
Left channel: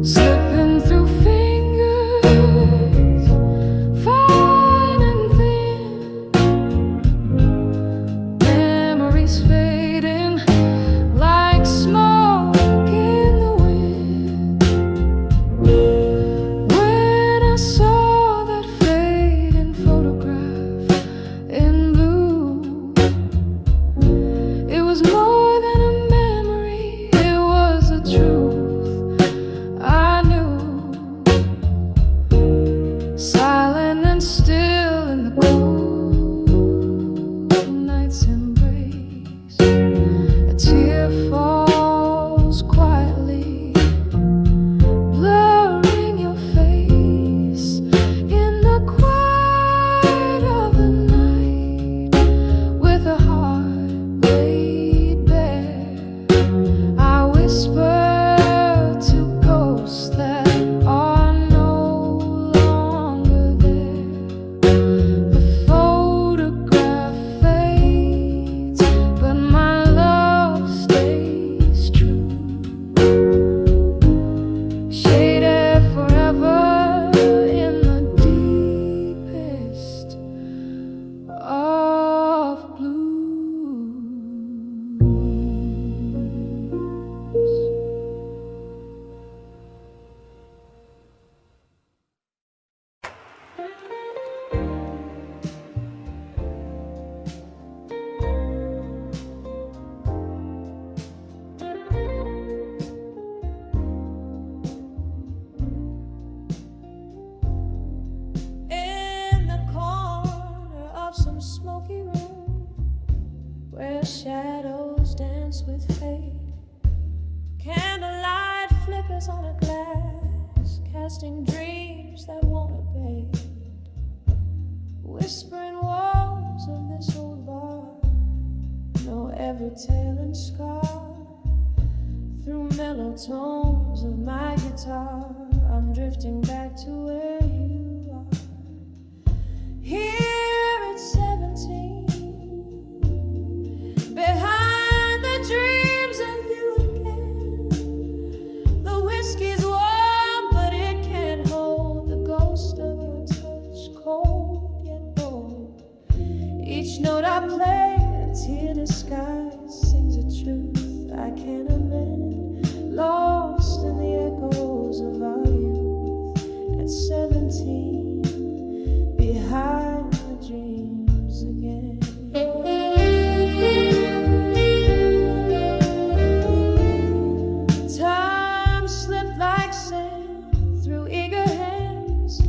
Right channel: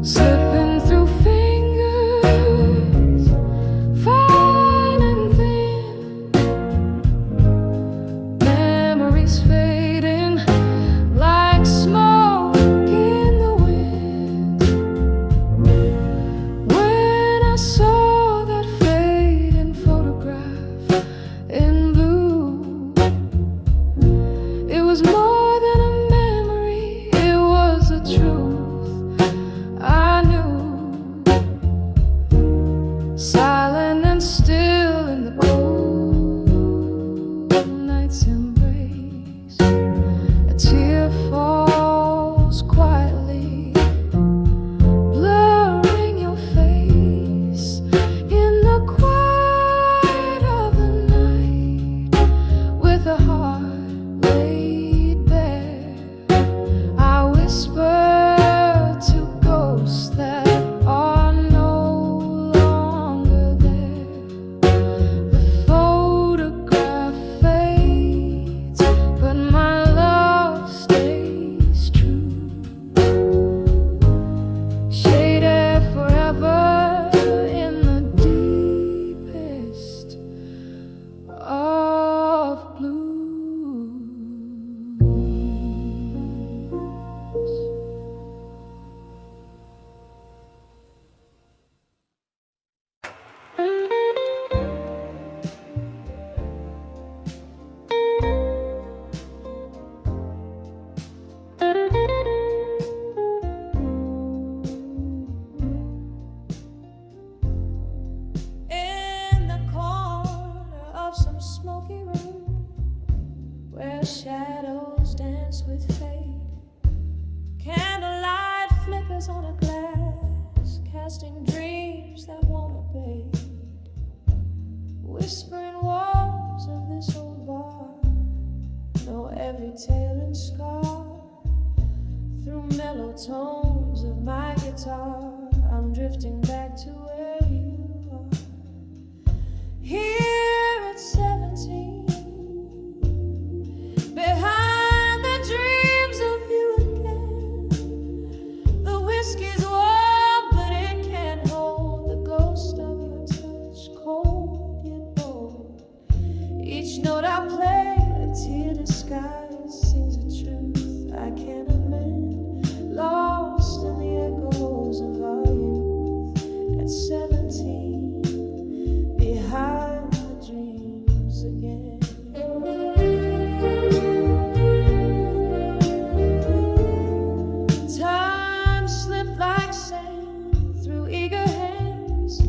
slipping through fingers fine and thin, memories fading like smoke in the wind. When I saw that fading photograph in blue, it was more than a memory, it was the truth I knew. Silent and still in the cold night's embrace, a tear falls quietly, blurring your face in the quiet of the night. With a heart laid bare, I whisper to ghosts that are no longer there. The photograph fades, but my love stays true. Shaded forever in the deepest of blues. In the corner of some smoky room, where shadows dance with fate, candlelight flickers on a glass, casting dreams that won't abate. Whispering walls of this old bar know every tale and scar. Through mellow tones of my guitar, I'm drifting back to where you are. Here at 17, behind the dreams of you again. The whiskey's warm, but it can't hold the ghost of your touch, cold yet bold. Each note I play, a tear disguised, sings a truth I can't amend. Lost in the echoes of our youth at 17, behind the dreams again. Time slipped like sand through eager hands.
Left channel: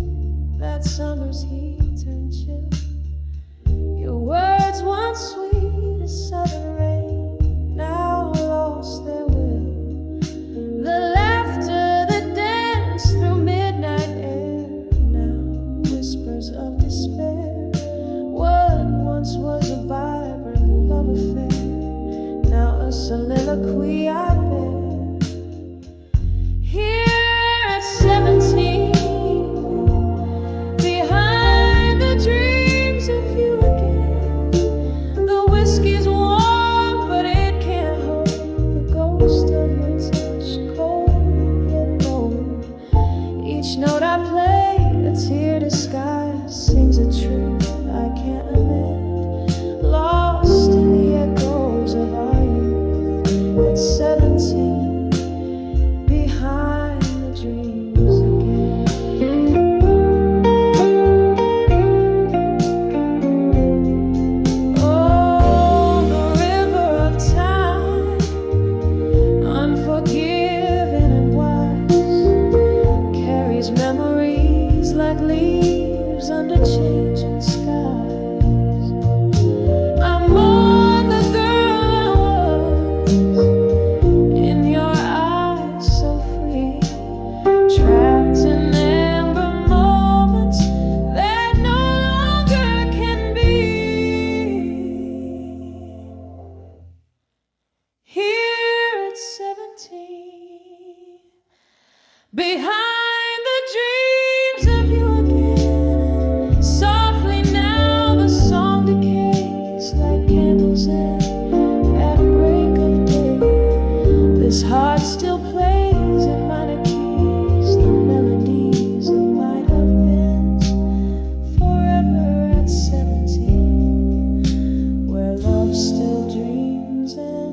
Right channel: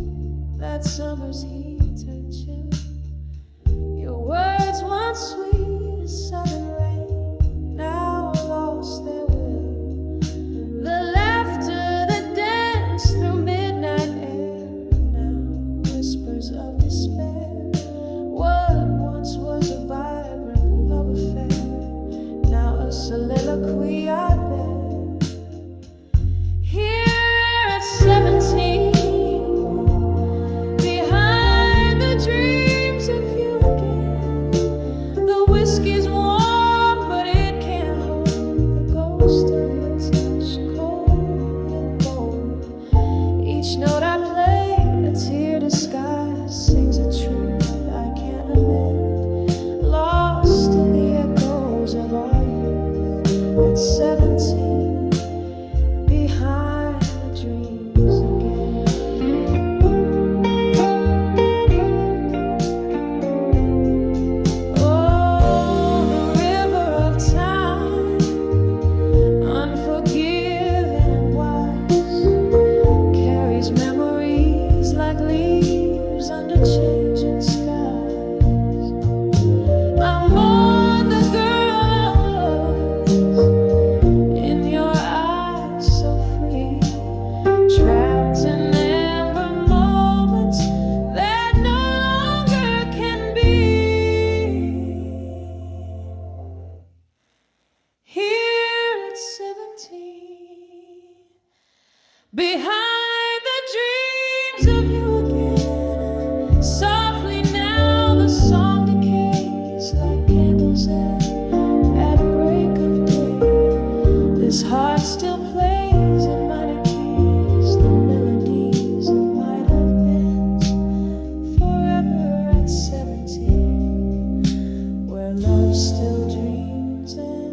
That summer's heat turned chill. Your words once sweet as southern rain, now lost their will. The laughter that danced through midnight air, now whispers of despair. What once was a vibrant love affair, now a soliloquy I bear. Here at 17, behind the dreams of you again. The whiskey's warm, but it can't hold the ghost of your touch, cold yet bold. Each note I play, a tear disguised, sings a truth I can't amend. Lost in behind the dreams of you again. Softly now the song decays like candles at break of day. This heart still plays in minor keys the melodies of might have been. Forever at 17, where love still dreams and